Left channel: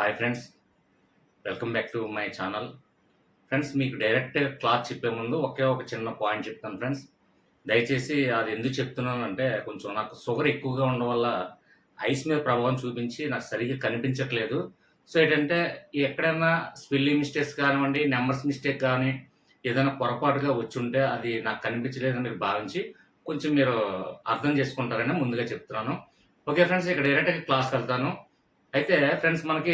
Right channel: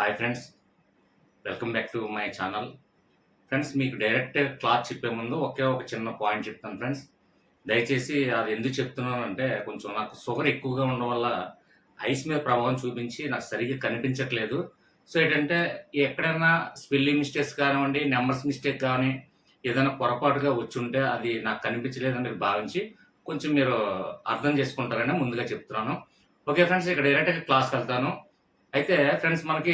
Hi friends, welcome back to my channel. Friends, మీకు direct class చెప్పే ముందు ఒక చిన్న పాయింట్ చెప్తాను ఫ్రెండ్స్. దయచేసి అది ఎందుకు చెప్తున్నానంటే, కొంచెం నాకు షుగర్ ఎక్కువగా ఉండడం వల్ల ఐస్ మీద ప్రభావం చూపించి నాకు సరిగ్గా కనిపించట్లేదు. సో ఏంటంటే, ఎక్కడైనా స్పెల్లింగ్ మిస్టేక్స్ కానివ్వండి, నెంబర్స్ మిస్టేక్ కానీ ఏదైనా పొరపాటుగా వచ్చుంటే అది నాకు కనిపించలేదని భావించి కొంచెం మీరు అర్థం చేసుకుంటారని ముందుగా చెప్తున్నాను. ఓకే ఫ్రెండ్స్, ఇక్కడ డైరెక్ట్గా క్లాస్కి వెళ్తాను. అయితే ఫ్రెండ్స్, మనకి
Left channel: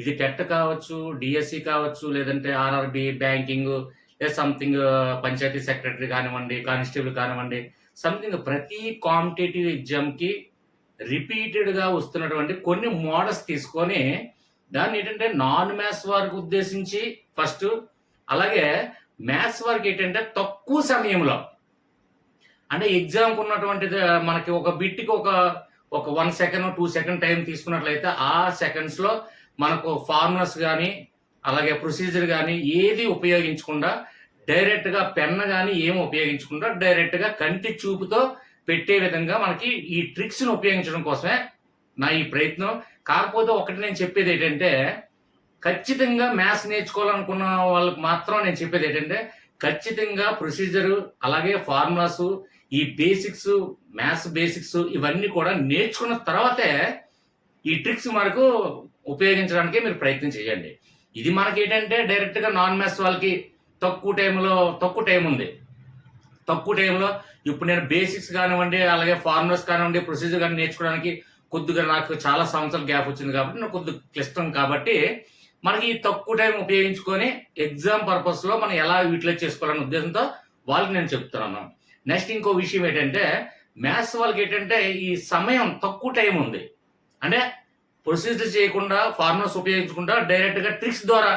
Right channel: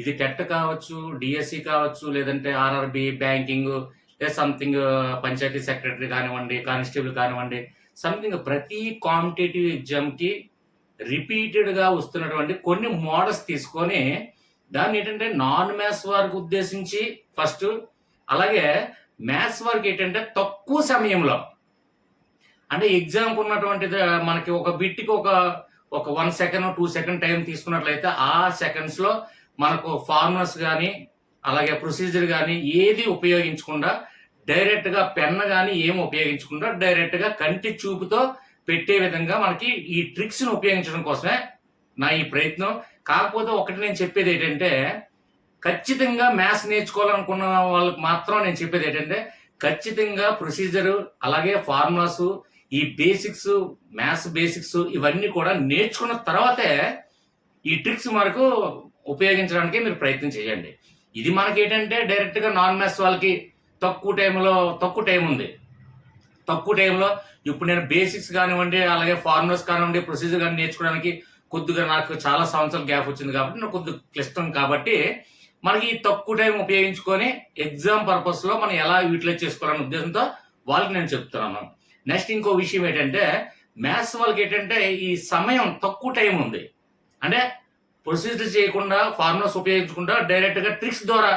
ఇది టెట్ కావచ్చు, డిఎస్సి కావచ్చు, లేదంటే ఆర్ఆర్బి, బ్యాంకింగ్, లేదా సంథింగ్ పంచాయతీ సెక్రటరీ కానివ్వండి, కానిస్టేబుల్ కానివ్వండి, సంథింగ్ ప్రతి కాంపిటేటివ్ ఎగ్జామ్కి రిపీటెడ్గా వస్తున్నటువంటి కొన్ని మోడల్స్ తీసుకొని దాన్ని ఏంటంటే నాన్ మ్యాథ్స్ వారికి ఉద్దేశించి ఫస్ట్, అలాగే మ్యాథ్స్ వారికి ఏంటంటే తక్కువ సమయంలో, అంటే ఎగ్జామ్కి ఉన్నటువంటి మనకి ఒక బిట్కి ఒక 1 సెకండ్ 2 సెకండ్ టైం తీసుకున్నట్లయితే ఆ సెకండ్స్లో మనకు ఫార్ములాస్ కానీ అలాగే ప్రొసీజర్ కానీ ఏది ఉపయోగించకుండా డైరెక్ట్గా పెన్ కానీ ఏమి ఉపయోగించకుండా డైరెక్ట్గా కంటి చూపుతో పెట్టే విధంగా మనకి ఈ ట్రిక్స్ని ఉపయోగించడం కోసమే నా ఈ ప్రయత్నం. కాకపోతే ఒకటి నేను చెప్పేది ఏంటంటే, ఖచ్చితంగా మ్యాథ్స్ నేర్చుకోవాలనుకున్న వాళ్ళకి మాత్రం నేను చెప్పేది ఏంటంటే, ఖచ్చితంగా ప్రొసీజరు అలాగే ఫార్ములాసు, ఈ బేసిక్స్, మ్యాథ్స్ బేసిక్స్ ఇవన్నీ కూడా నేర్చుకున్న తర్వాతే ఈ ట్రిక్స్ మనకు ఉపయోగించడానికి మీరు ప్రయత్నం చేయండి. ఇది మనకి ఏంటంటే డైరెక్ట్గా నాన్ మ్యాథ్స్ వాళ్ళకి తక్కువ టైం ఉంది. తక్కువ టైంలో ఇప్పుడు నేను బేసిక్స్ కానివ్వండి, అలాగే ఫార్ములాస్ కానివ్వండి, ప్రొసీజర్ కానీ నేర్చుకోవడానికి కొద్దిగా నాకు చాలా సంవత్సరాల గ్యాప్ వచ్చింది కాబట్టి నాకు కొద్దిగా క్లిష్టం కాబట్టి మనకి ఈ తక్కువ టైం ఉపయోగించుకొని ఎగ్జామ్ పర్పస్లో మనం ఎలా యూటిలైజ్ చేసుకోవాలనే ఉద్దేశంతో వాళ్ళకి నేను చెప్తున్నాను. నెక్స్ట్ ఇంకో విషయం ఏంటంటే, మ్యాథ్స్ వాళ్ళకి ఏంటంటే ఈ సమయం తక్కువ టైం ఉంది. అంటే ప్రొసీజర్ చేయకుండా, ఫార్ములాస్ ఉపయోగించకుండా డైరెక్ట్గా ట్రిక్స్ ద్వారా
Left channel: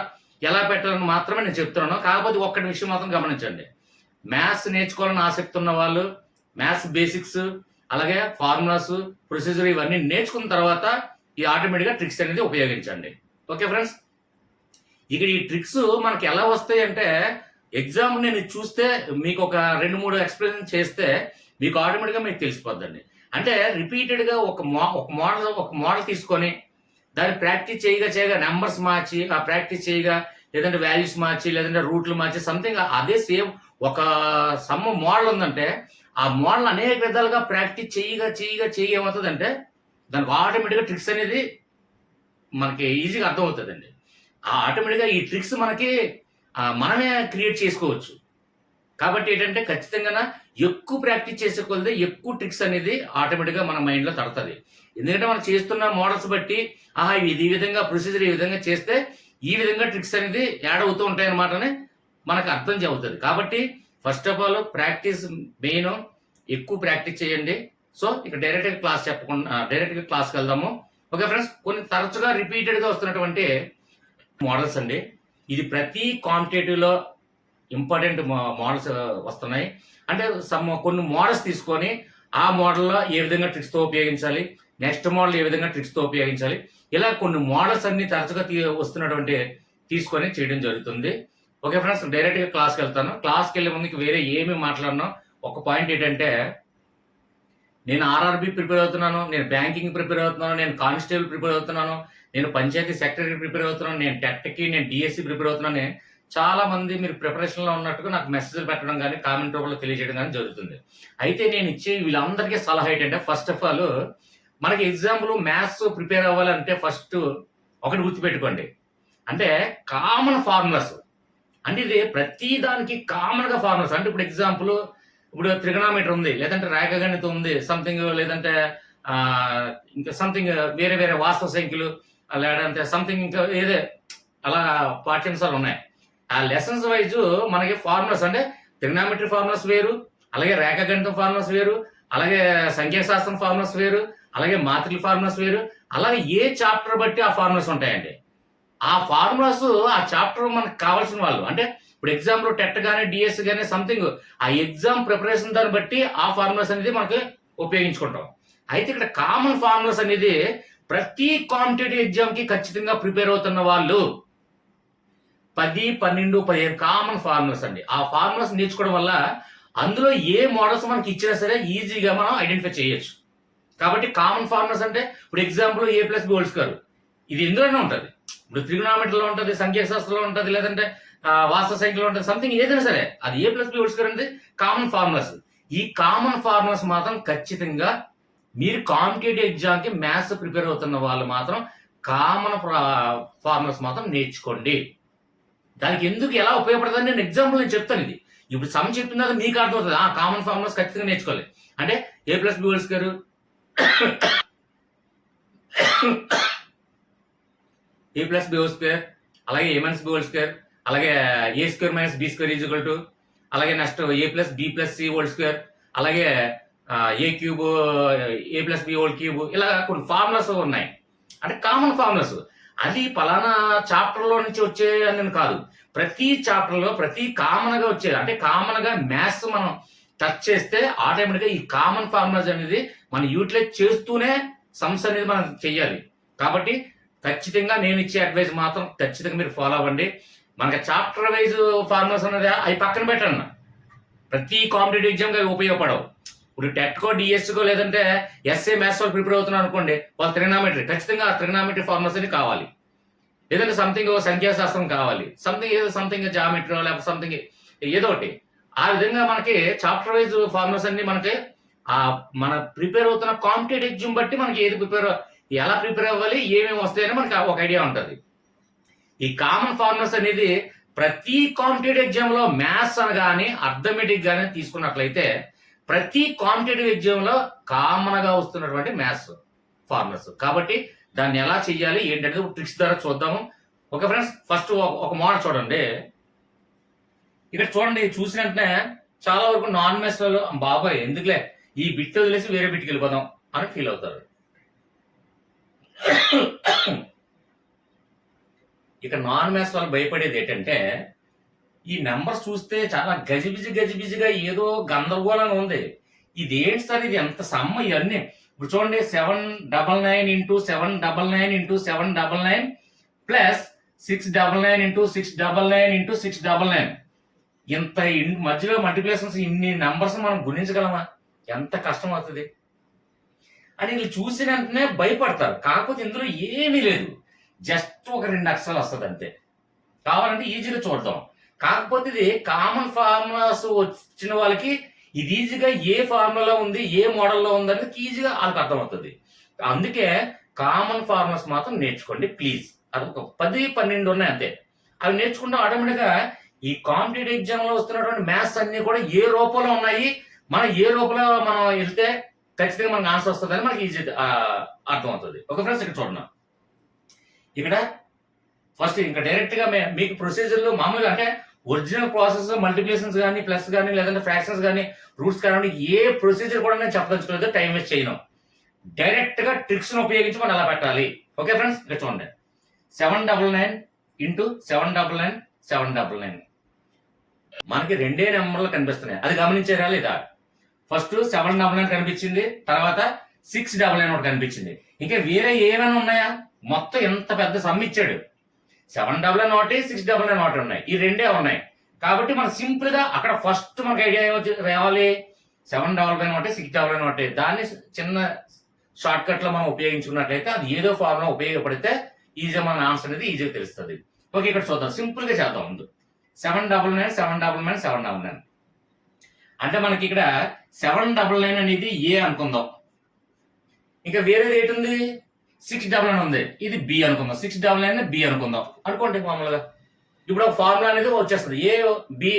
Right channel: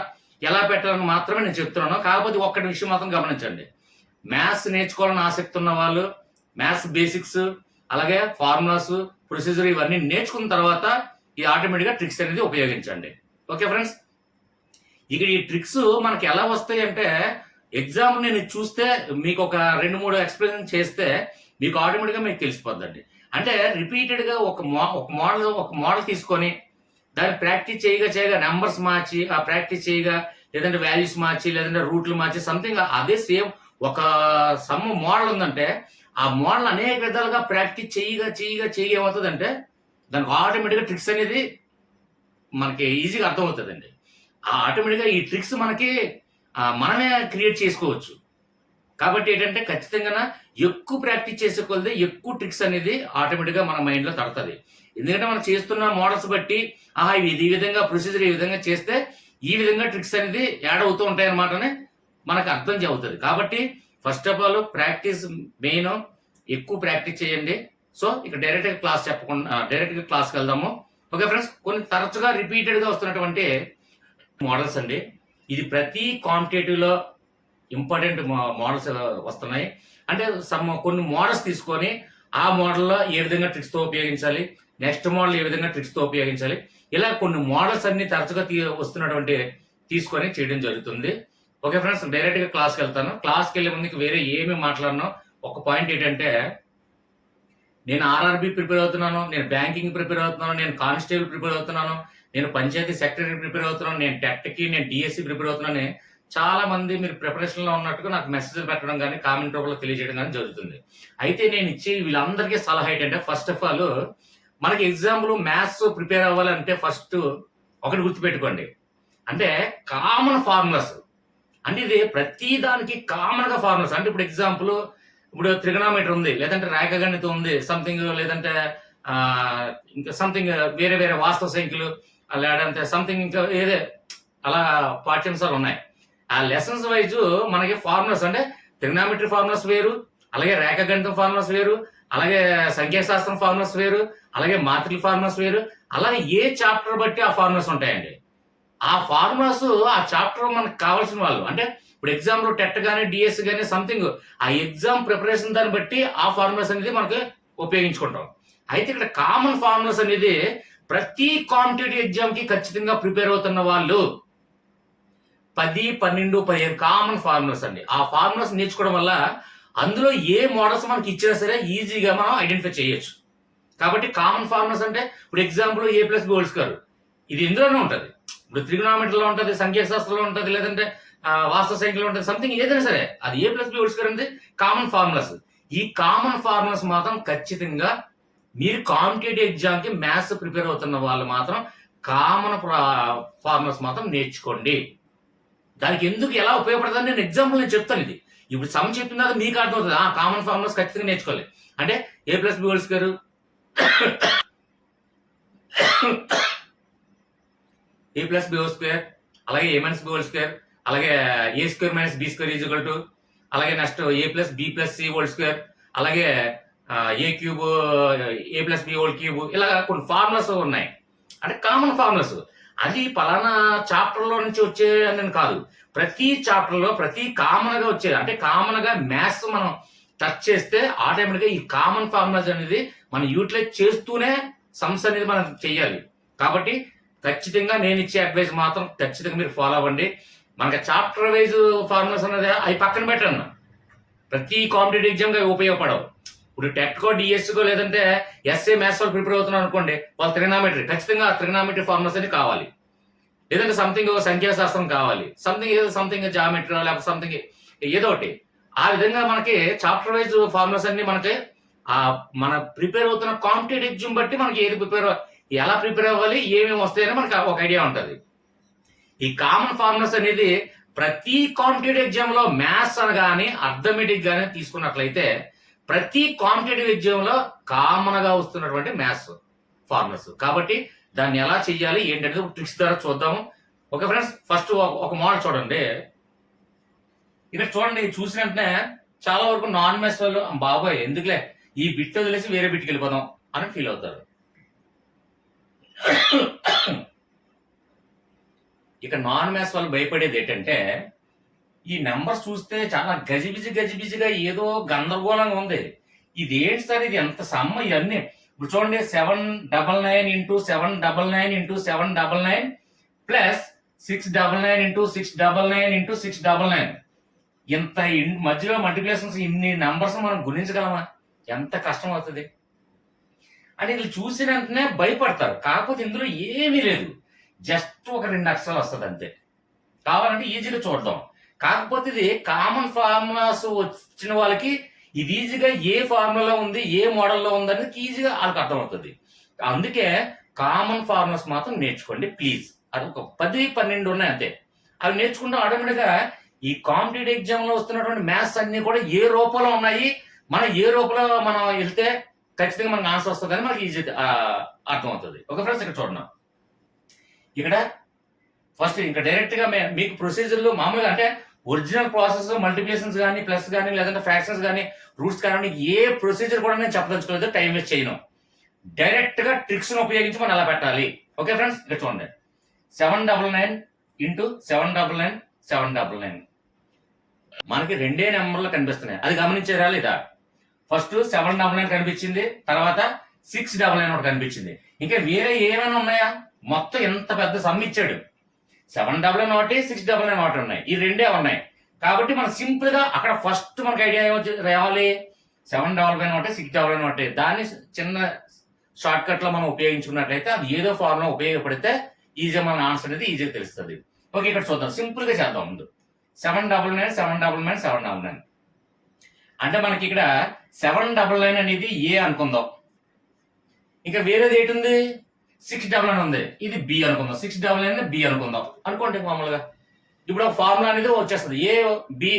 ఎలా పెట్టాలని మాత్రమే నేను చెప్తున్నాను. కాకపోతే ఒక్కటి విషయం మాత్రం గమనించండి, మ్యాథ్స్ నేర్చుకోవాలని ఆసక్తి ఉన్న వాళ్ళు మ్యాథ్స్ బేసిక్స్ అలాగే ఫార్ములాస్, ప్రొసీజర్ ఇవన్నీ నేర్చుకున్న తర్వాత ఈ ఆటోమేటిక్గా ట్రిక్స్ అనేది ఉపయోగించండి. ఓకే ఫ్రెండ్స్, ఇక్కడ ఈ ట్రిక్స్ మనకి ఎలా వస్తాయి అంటే, ఎగ్జామ్ నేను చూస్తే మీకు ఒక 2-3 ఎక్స్ప్లెయిన్ చేస్తే మీకు ఆటోమేటిక్గా మీకు తెలిసిపోద్దండి. అంటే రిపీటెడ్గా ఒక మోడల్ తీసుకొని దాన్ని ప్రాక్టీస్ చేయగా నెంబర్స్ మార్చి ఆ ప్రాక్టీస్ చేయగా, లేదంటే వాల్యూస్ మార్చి, లేదంటే రూట్లు మార్చి సంథింగ్ అదే సేమ్ ఒక మోడల్ ఉందంటే ఆ మోడల్ అనేక విధాలుగా ప్రాక్టీస్ చేయగా ఏమవుతుందంటే దానికి ఆటోమేటిక్గా ట్రిక్స్ అనేది మనకి ఈజీగా అర్థమవుతుందండి. ఆ ఆటోమేటిక్గా ఈ ట్రిక్స్ మనకి మనమే క్రియేట్ చేసుకోవచ్చు. కాబట్టి ఏంటంటే ఖచ్చితంగా ఎక్కువ ప్రాక్టీస్ చేసే కొలది ఎక్కువ ట్రిక్స్ అనేది ఆటోమేటిక్గా మన మైండ్లో తడుతుంది. ఎందుకంటే మనం చేస్తున్న మోడల్స్ బట్టి ఇది ఈ విధంగా ప్రొసీజర్ ఈ విధంగా చేస్తే ఈ విధంగా ట్రిక్స్ అనేది యాడ్ అవుతూ ఉంటాయి అన్నమాట అని మనకు అర్థం అవుతుంది. కాబట్టి first of all practice main, ఎక్కువ ప్రాక్టీస్ చేయండి. సో ఇక డైరెక్ట్గా క్లాస్కి వెళ్దాము. ఓకే ఫ్రెండ్స్, కొన్ని తరచుగా రిపీటెడ్గా వస్తున్నటువంటి మోడల్స్ అండి. ఇది ప్రతి కాంపిటేటివ్లో ఇంపార్టెంట్ మోడల్స్ వస్తున్నాయి. అంటే కొన్ని మోడల్స్ తీసుకొని ఆ మోడల్లో ఏ విధంగా ట్రిక్స్తో ఉపయోగించాలి, నెక్స్ట్ మోడల్ ఏ విధంగా ట్రిక్స్తో ఉపయోగించాలి, ఇలా కొన్ని మోడల్స్ అన్ని తరచుగా వస్తున్నటువంటి తీసుకొని చేయడం జరుగుతుంది. ఓకే ఫ్రెండ్స్, డైరెక్ట్గా క్లాస్కి వెళ్తాను. క్లాస్కి వెళ్ళే ముందుకు వేరే ఏమీ మాట్లాడను. ఒక పాయింట్ ఏంటంటే, నేను ఆర్ఆర్బి ప్రిపేర్ అవుతున్నాను, నేను బ్యాంకింగ్ ప్రిపేర్ అవుతున్నాను, నేను కానిస్టేబుల్ ప్రిపేర్ అవుతున్నాను, నేను పంచాయతీ సెక్రటరీ ప్రిపేర్ అవుతున్నాను, నేను టెట్కి, నేను డిఎస్సి ప్రిపేర్ అవుతున్నాను. చాలా మంది మీరు ప్రిపరేషన్లో ఉన్నట్టుగా నాకు మెసేజ్లు పెట్టడం కానీ కామెంట్ రూపంలో తెలియజేయడం కానీ జరుగుతుంది. అయితే నేను ఇచ్చే వీళ్ళందరికీ సలహా ఏంటంటే, ఫస్ట్ ఆఫ్ ఆల్ మనకి ఎగ్జాంపుల్ మ్యాథ్స్ ప్రిపేర్ అవ్వాలంటే ఫస్ట్ ఒకటి గుర్తుపెట్టుకోండి, అంటే కామన్ ఫార్ములాస్. అంటే ఇది ప్రతి దానికి కామన్గా ఫార్ములాస్. అంటే ఇప్పుడు ఎగ్జాంపుల్, ఇప్పుడు త్రిగనామీటర్ ఉంది, లేదంటే రేఖాగణితం ఉంది సంథింగ్, లేదంటే ఇంకా సంథింగ్ వేరే వాస్తవ సంఖ్యలు, లేదంటే సంథింగ్ ఇంకా ఏదే అలా పాఠ్యాంశాలు ఉన్నాయి. ఆ లెసన్స్ వైజ్ మనకి ఫార్ములాస్, అంటే త్రిగనామెట్రీ ఫార్ములాస్ వేరు, అలాగే రేఖాగణితం ఫార్ములాస్ వేరు, అలాగే సంఖ్యాశాస్త్రం ఫార్ములాస్ వేరు, అలాగే మాత్రికల ఫార్ములాస్ వేరు, అలాగే ఏ చాప్టర్ బట్టి ఆ ఫార్ములాస్ ఉంటాయండి. ఆ ఫార్ములాస్ ఆ చాప్టర్ మనకు కావాల్సిన వాళ్ళు, అంటే ఇప్పుడు ఎగ్జామ్లో టెట్ కానీ డిఎస్ కానీ సంథింగ్ ఆ ఎగ్జామ్ ప్రిపరేషన్ దాన్ని బట్టి ఆ ఫార్ములాస్ అనేది మనకు ఉపయోగించుకుంటాం. అయితే ఇక్కడ కామన్ ఫార్ములాస్ అనేది ప్రతి కాంపిటేటివ్ ఎగ్జామ్కి ఖచ్చితంగా ప్రిపేర్ అవుతున్న వాళ్ళు 10, 12, 15 కామన్ ఫార్ములాస్ అండి. ఆ ఫార్ములాస్ నేర్చుకోవడం వల్ల అందులో ఏ మోడల్స్ మనకి ఇచ్చినా సరే ఈజీగా మనం ఐడెంటిఫై చేయొచ్చు. కాబట్టి కామన్ ఫార్ములాస్ అంటే ఇప్పుడు ఎగ్జాంపుల్ A+B² ఇది ఇందులోనే ఉంటుంది. ఇప్పుడు ట్రిగ్నామెట్రీలో ఉంటుంది, సంఖ్యాశాస్త్రంలో ఉంటుంది, లేదంటే వాస్తవ సంఖ్యలో ఉంటుంది, సంథింగ్ ఏదైనా సరే అది A plus B whole square అనేది కామన్ ఫార్ములాస్. ఈ కామన్ ఫార్ములాస్ మాత్రం ఖచ్చితంగా మీరు కాంపిటేటివ్ ఎగ్జామ్కి మ్యాథ్స్ ప్రిపేర్ అవుతున్న వాళ్ళు మాత్రం కామన్ ఫార్ములాస్ మాత్రం నేర్చుకోండి. దానికి ఎందుకు ఎలా ఉపయోగపడుతుంది నేను ఎగ్జాంపుల్ నేను చెప్తాను. ఇది ఇప్పుడు సమ్ చెప్పిన తర్వాత మీకు అర్థమవుతుంది. కామన్ ఫార్ములాస్ ఖచ్చితంగా నేర్చుకోవాలి. అంటే A plus B whole square, A plus B whole square, అలాగే A minus B whole square, అలాగే A square minus B square is equal to, అలాగే next A plus B plus C whole square, అలాగే A cube A plus B whole cube, ఇలా కొన్ని formulas ఉన్నాయి. అంటే common formulas. అది పలానా చాప్టర్లో నుంచి వచ్చే అని కాదు, ప్రతి చాప్టర్లో ప్రతి కామన్ గా వచ్చే, అంటే కామన్ గా మ్యాథ్స్ మనం టచ్ చేస్తే ఆటోమేటిక్గా ఈ కామన్ ఫార్ములాస్ అనేది మనం యూటిలైజ్ చేస్తూనే సమ్స్ అనేది మనం చెయ్యాలి. కాబట్టి ఖచ్చితంగా నేను ఇచ్చే అడ్వైజ్ మాత్రం ఖచ్చితంగా మీరు ఫాలో అవ్వండి. మనకి చాప్టర్ వైజ్ ఫార్ములాస్ అనేది అవి పక్కన పెట్టండి. ప్రతి కాంపిటేటివ్ ఎగ్జామ్కి అవి ఉపయోగపడవు. ఇప్పుడు టెట్కో డిఎస్కో లేదంటే ఎస్ఏ మ్యాథ్స్ వాళ్ళు ప్రిపేర్ అవుతున్నారు అనుకోండి, వాళ్ళు ట్రిగ్నామెట్రీ ఖచ్చితంగా ట్రిగ్నామెట్రీ ఫార్ములాస్ అని కావాలి, లేదంటే సంథింగ్ సంఖ్యాశాస్త్రం కావాలి, సంథింగ్ జామెట్రీ లేకపోతే సంథింగ్ ఏదో ఒకటి. ఆ విధంగా మనకి చాప్టర్ వైజ్ ఫార్ములాస్ అన్ని మనకి మన ప్రిపేర్ అవుతున్న కాంపిటేటివ్ ఎగ్జామ్ బట్టి మనకి ఎలా ప్రిపేర్ అవ్వాలి, ఏమేమి వస్తాయని మనకి ఒక ఐడియా ఉంటుంది. ఈ కామన్ ఫార్ములాస్ అనేది ప్రతి కాంపిటేటివ్ ఎగ్జామ్ లో మ్యాథ్స్ అని కానీ అర్థమెటిక్ కానీ తీసుకున్నట్లయితే ప్రతి కాంపిటేటివ్ ఎగ్జామ్ లో కామన్ గా వస్తున్నటువంటి మ్యాథ్స్ ఫార్ములాస్. కాబట్టి దాన్ని ఎలా చెయ్యాలి ఏంటంటే ట్రిక్స్ ద్వారా చూద్దాము. ఓకే ఫ్రెండ్స్, ఫస్ట్ ఒక మోడల్ చూడండి. ఇక్కడ చూడండి, చూసిన వెంటనే చాలా వరకు నాన్ మ్యాథ్స్ వాళ్ళు బాబాయ్ ఎందుకులే ఈ బిట్ వదిలేసి వేరే బిట్కి వెళ్ళిపోదాం అని ఫీల్ అవుతారు. ఇక నాన్ మ్యాథ్స్ వాళ్ళు భయపడేది ఏంటంటే ఈ నెంబర్స్ చూస్తే చాలా గజిబిజిగా ఏదో గందరగోళంగా ఉంది. ఇది ఏంటి సార్, ఇది ఎంత సమ్మ ఇవన్నీ. ఇప్పుడు చూడండి 799 into 799 into 799 plus 699 into 699 into 699. ఇంత మధ్యలో మల్టిప్లికేషన్స్ ఇన్ని నంబర్స్ మనం గుణించగలమా? ఎంత కష్టం అవుతుంది అని వీళ్ళు చూసిన వెంటనే భయపడతారు. కాకపోతే ఇందులో ఏమీ లేదు, జస్ట్ ఒక 2 అక్షరాలు వస్తుంది అంతే. కావాలంటే ఈజీగా చూద్దాం. కాకపోతే ఇది కామన్ ఫార్ములాస్ వచ్చిన వాళ్ళకి ఇది ఈజీగా ఏ ఫార్ములా ఉంది, ఏ మోడల్లో ఉంది అనేది ఈజీగా వాళ్ళకి అర్థమవుతుంది. అందుకే కామన్ ఫార్ములాస్ మాత్రం నేర్చుకోండి ప్లీజ్. అది ఒక 10-12 ఉన్నాయి అంతే. అవి నేర్చుకుంటే ఆటోమేటిక్గా ఈ కాంపిటేటివ్ ఎగ్జామ్ లో వస్తున్నటువంటి మ్యాథ్స్ అన్ని కూడా ఏ రూపంలో ఉన్నాయి, మనం ఏ రూపంలో మనం వెళ్తే ఖచ్చితంగా మనకు ఆన్సర్ వస్తుందని మనకి ఈజీ అర్థమవుతుంది. ఓకే ఫ్రెండ్స్, ఇక్కడ చూడండి. ఇక్కడ ఫస్ట్ ఇంకా డైరెక్ట్ గా మీకు ప్రొసీజర్లు మామూలుగా అంటే ఒరిజినల్ ప్రాసెస్ మల్టిప్లికేషన్స్ కానీ ప్లస్ కానీ లేదంటే ఫ్రాక్షన్స్ కానీ రూట్స్ కానీ ఏ ప్రొసీజర్ కూడా నేను చెప్పదలుచుకోలేదు, టైం వేస్ట్ చేయను. డైరెక్ట్ గా ట్రిక్స్ ఉపయోగించి మనం అలా పెట్టాలి. ఓకే ఫ్రెండ్స్, ఇక్కడ చూడండి. 799 ఇంటూ 799 799 మనకి 2 నెంబర్లు కనిపిస్తున్నాయి, అది గమనించారా లేదా? ఫస్ట్ 799 కనిపించింది, తర్వాత 699 ఒకటి కనిపించింది. ఇంకా వేరే ఏమైనా ఉన్నాయా? మొత్తం ఎంత పెద్ద సమ్ ఇచ్చాడు. 799 ఒకటి 699 ఒకటి ఉన్నాయి, ఈ 2 ఉన్నాయి. కాబట్టి మనం సింపుల్ గా అక్కడ ఫస్ట్ మనకి ఐడియా రావాలి. 799 ఒకటి 699 ఒకటి, దాన్ని చిన్న షార్ట్ కట్ లో మనం ఉపయోగించుకున్నట్లయితే అది ఏదో ఫార్ములా ఉపయోగపడితే ఈజీగా మన ఆన్సర్ అనేది ఈజీగా తెలుస్తుంది. ఓకే, ఇక్కడ చూద్దాం, సింపుల్ గా చేద్దాం. ముందు 799 799 799 అంటే మనకి ఇక్కడ 799 అనేది ఏ అనుకుందాం. ఇంకా వేరేది ఏంటుంది? 699 ఉంది, ఇది బి అనుకుందాం. 699 బి అనుకుందాం అనుకోండి మామూలుగా. ఇప్పుడు ఒక ఫార్ములా అనేది వచ్చేస్తుంది ఏ బి.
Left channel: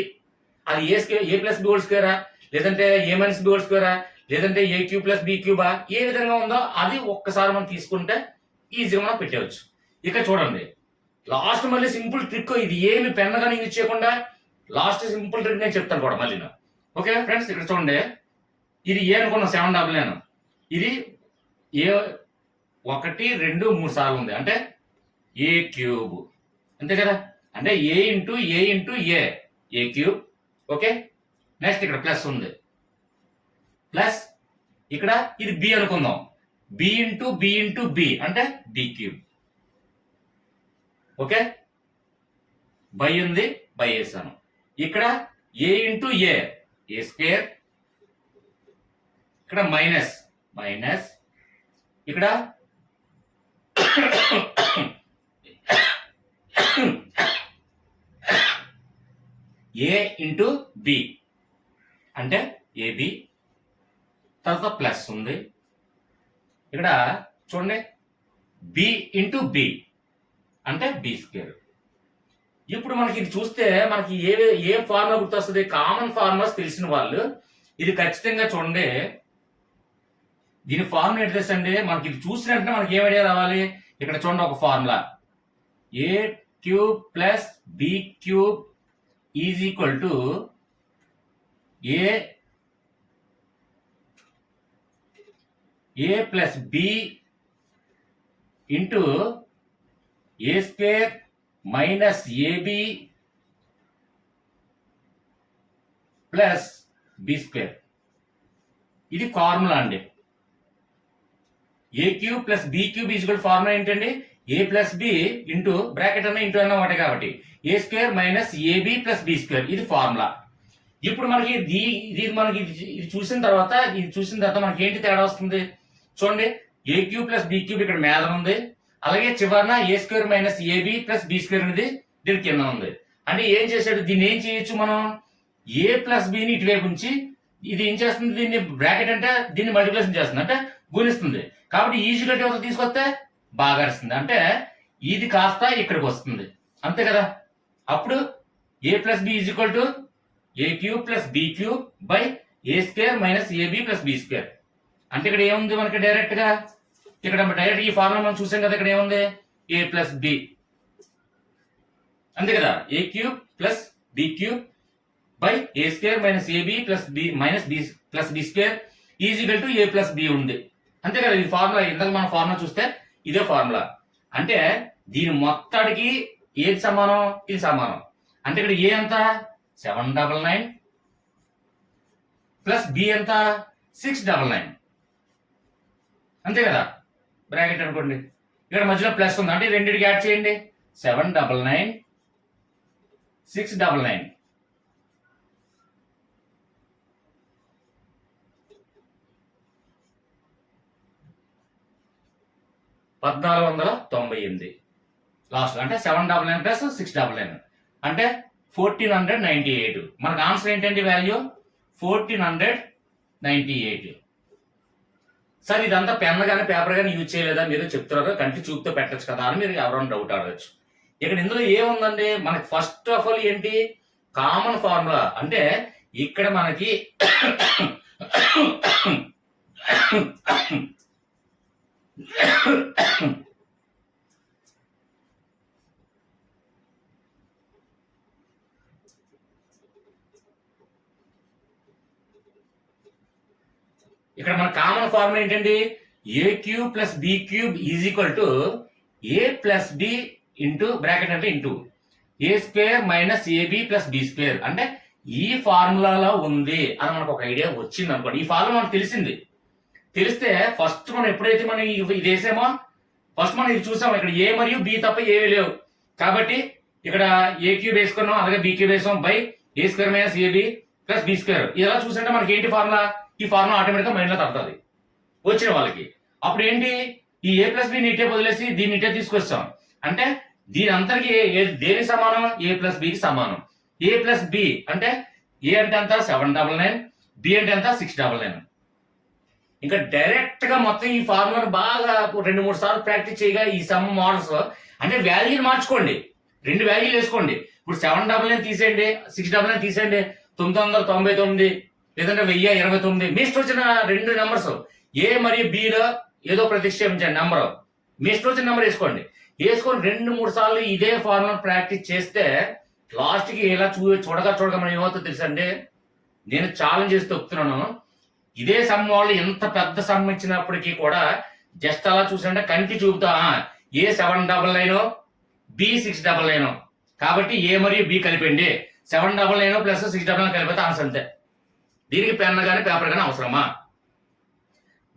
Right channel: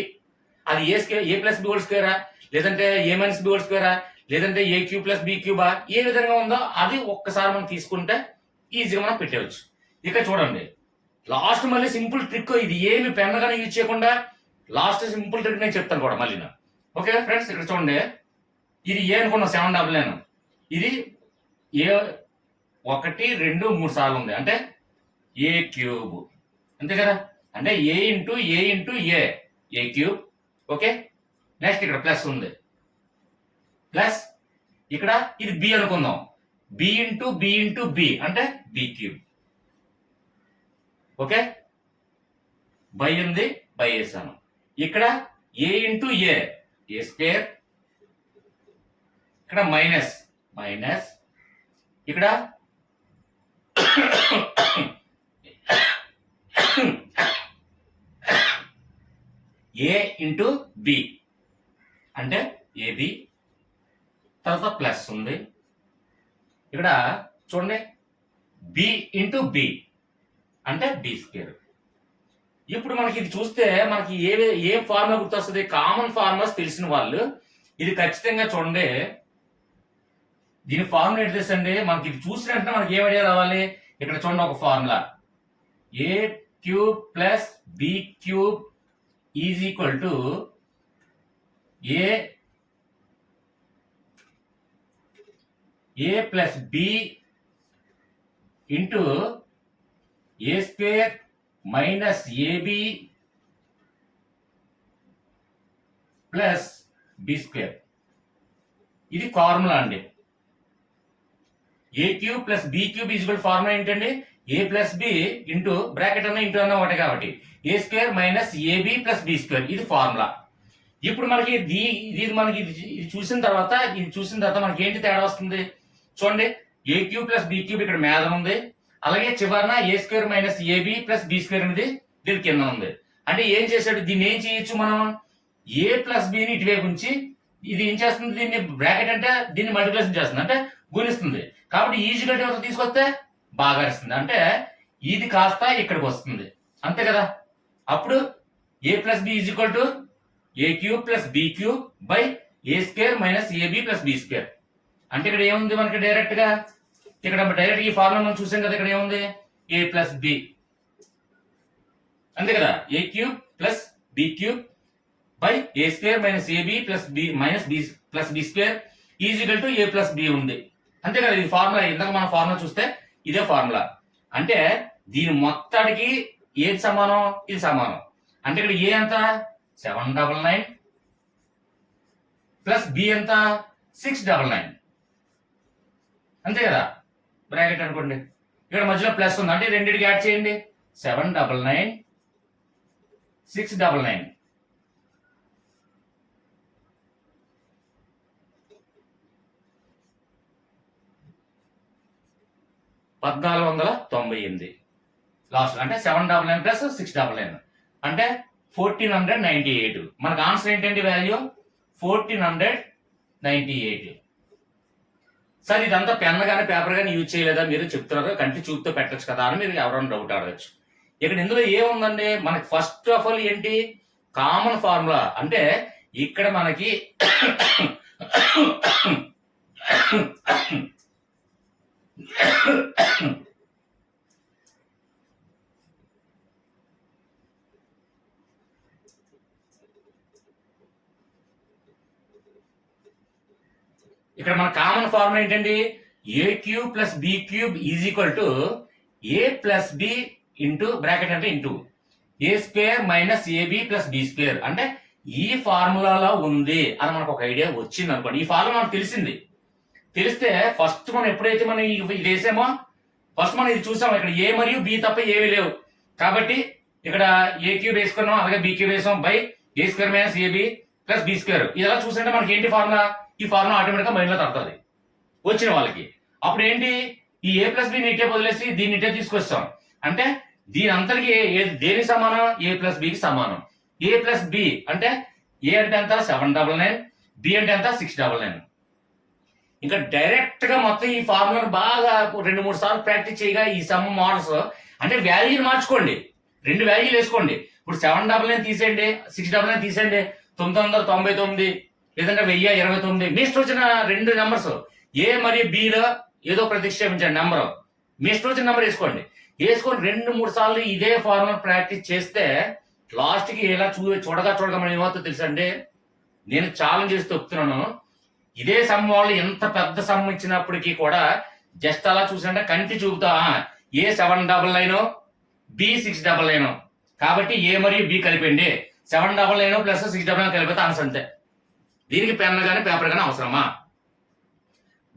అది ఏ square, A plus B whole స్క్వేరా, లేదంటే ఏ మైనస్ బి హోల్ స్క్వేరా, లేదంటే A cube plus B Cuba, ఏ విధంగా ఉందో అది ఒక్కసారి మనం తీసుకుంటే ఈజీగా మనం పెట్టవచ్చు. ఇక్కడ చూడండి, లాస్ట్ మళ్ళీ సింపుల్ ట్రిక్. ఇది ఏమి పెన్నగానే యూజ్ చేయకుండా లాస్ట్ సింపుల్ ట్రిక్ నేను చెప్తాను కూడా మళ్ళీ. ఓకే ఫ్రెండ్స్, ఇక్కడ చూడండి, ఇది ఏ అనుకున్నాం 799, ఇది ఏ 1 2 3 సార్లు ఉంది, అంటే ఏ క్యూబ్ అంతే కదా. అంటే ఏ ఇంటూ ఏ క్యూబ్. ఓకే, నెక్స్ట్ ఇక్కడ ప్లస్ ఉంది, ప్లస్ ఇక్కడ ఇది బి అనుకుందాం, బి ఇంటూ బి అంటే బి క్యూబ్. ఓకే, బై ఉంది, బై వేసాను. ఇక్కడ ఏ ఇంటూ ఏ స్క్వేర్, ఇక్కడ మైనస్ ఇక్కడ ఏ ఇంటూ బి అంటే ఏబి, తర్వాత ప్లస్ ఉంది. ఇక్కడ చూడండి బి ఇంటూ బి అంటే బి స్క్వేర్. ఇప్పుడు మనకి ఇది చూస్తే మనకి ఏ ఫార్ములా గుర్తొస్తుంది? కామన్ ఫార్ములాస్ తెలిసిన వాళ్ళు ఇది ఖచ్చితంగా చూడండి. దీని ఫార్ములా ఏంటి తెలుసండి? మనకి ఇది చూసినట్టు మనకి ఏం ఐడియా రావాలి? ఇక్కడ చూడండి ఒక formula, A cube plus B cube is equal to A plus B into A square minus AB plus B square. ఇది ఫార్ములా అండి. A cube plus B cube is equal formula ఏంటండి? A plus B into bracket అన్న into అన్న ఒకటి కాబట్టి A square minus AB plus B square, ఇది formula. ఇప్పుడు మనకి ఇది మనకి ఇది చూసిన తర్వాత మనకి ఏంటి తేడా వస్తుంది చూడండి. A cube plus B cube ఇక్కడ మీద ఉంది, అలాగే చివరన A square minus AB plus B square అనేది దీని కింద ఉంది. అంటే ఏం చేశాడు? దీన్ని ఏం చేయొచ్చు మనం? ఏ ప్లస్ బిని ఇటువైపు ఉంచి ఇది ఏం చేస్తుంది? దీన్ని బ్రాకెట్ అంటే దీన్ని మల్టిప్లికేషన్ చేస్తుంది, అంటే గుణిస్తుంది. కాబట్టి ఈజీగా తీసుకొస్తే బాగా వస్తుంది, అంటే ఇది కాస్త ఇక్కడికి వస్తుంది, అంతే కదా. అప్పుడు A plus B is equal to A cube plus B cube by A square minus AB plus B square. అంటే ఇక్కడ ఏముంది మనకి డైరెక్ట్ గా? ఇక్కడ డైరెక్ట్ ఈ ఫార్ములా మనం చూసాం కదా. ఇక్కడ ఏముంది? ఏ ప్లస్ బి, అంతే కదా. A cube plus B cube by A square minus AB plus B minus B plus B square is equal to A plus B ఉంది, అంతే కదా. ఇది ఫార్ములా. ఇందాక మనం ఫార్ములా చూస్తే ఇదే ఫార్ములా. అంటే దీని మొత్తానికి ఏది సమానం? ఇది సమానం. అంటే ఇక్కడ ఏ ఎంత? 799 ప్లస్ బి ఎంత? 699, అంతే కదా. బ్రాకెట్ అనుకోండి, ఇక్కడ మధ్యలో ప్లస్ ఉంది, అంటే రెండింటికి యాడ్ చేయండి. 799 699. $1498 లాస్ట్, అంటే 799 ప్లస్ 699 అంటే 1498. మనకు ఆన్సర్ ఏంటండి? వాల్యూ 1498. సార్ ఇదంతా పెన్ కానీ పేపర్ కానీ యూజ్ చేయలేదా మీరు చెప్తున్నారు, కంటి చూపుతో పెట్టచ్చు కదా అని మీరు ఎవరైనా డౌట్ అడగచ్చు. ఇక్కడ ఇందులో ఏముందండి? మనకి ఫస్ట్ ఆఫ్ ఆల్ ఏంటి? Common formula. అంటే ఇక్కడ మనకి ఇక్కడ మన కామన్ ఫార్ములా ఏంటండి? A cube plus B cube is equal to A plus B into bracket అంటే into A square minus AB plus B square. అంటే ఈ ఫార్ములాలో ఉంది అని మనకు ఒక ఐడియా వచ్చింది అనుకోండి. ఈ ఫార్ములా మనకు తెలిస్తే ఫస్ట్ మనం ఎప్పుడైతే మనం ఇది వేసామో ఫస్ట్ మనం ఇది చూసాం. ఇక్కడ ఏ మరియు బి తప్ప ఏవి లేవు కాబట్టి ఇక్కడ ఏ క్యూబ్ వేసుకున్నాం, అలాగే బి క్యూబ్ వేసాం by A square minus AB plus B square. ఇలా చూసారంటే మనకి ఏంటి ఫార్ములా? ఈ ఫార్ములా ఆటోమేటిక్ గా మైండ్ లో తగ్గుతుంది వచ్చిన వాళ్ళకి. అప్పుడు ఏంటి? ఈ ఏ ప్లస్ బి ఇటే వదిలేసి దీన్ని ఇటే తీసుకొస్తాం. అంటే దీని అంతరికి దేని సమానం? ఏ ప్లస్ బికి సమానం. ఏ ప్లస్ బి అంటే ఏ అంటే ఎంత? 799, బి అంటే ఎంత? 699. ఇంకా డైరెక్ట్ గా మొత్తం ఈ ఫార్ములాను బాగా 2-3 సార్లు ప్రాక్టీస్ చేయగా ఈ సమ్ మోడల్స్ అంటే వాల్యూని మార్చుకోండి, 2 వాల్యూలు వేసుకోండి. ఇప్పుడు 799 తీసేయండి, 699 తీసేయండి, 999 లేదంటే 1029. మీ ఇష్టం వచ్చిన 2 నెంబర్స్ ఏ మరియు బిలో ఏదో ప్రతిక్షేపించండి నెంబర్, మీ ఇష్టం వచ్చిన నెంబర్ వేసుకోండి. వేసుకొని 2-3 సార్లు ఇదే ఫార్ములా ప్రాక్టీస్ చేస్తే లాస్ట్ కి ఇలా చూడగా మనం ఏమవుతుందో తెలుసండి. నేను ఛాలెంజ్ చేసి చెప్తున్నాను. ఇదే సమ్ వాళ్ళు ఎంత పెద్ద సమ్ ఇచ్చినప్పటికీ కూడా జస్ట్ అలా చూసారంటే కంటి చూపుతా ఏ 799 బి 699 కాబట్టి ఏ మరియు బి కలిపండి. 799 ప్లస్ 699 కలిపితే ఆన్సర్ అంతే. దీనికి పెన్ కానీ పేపర్ కానీ అవసరమా?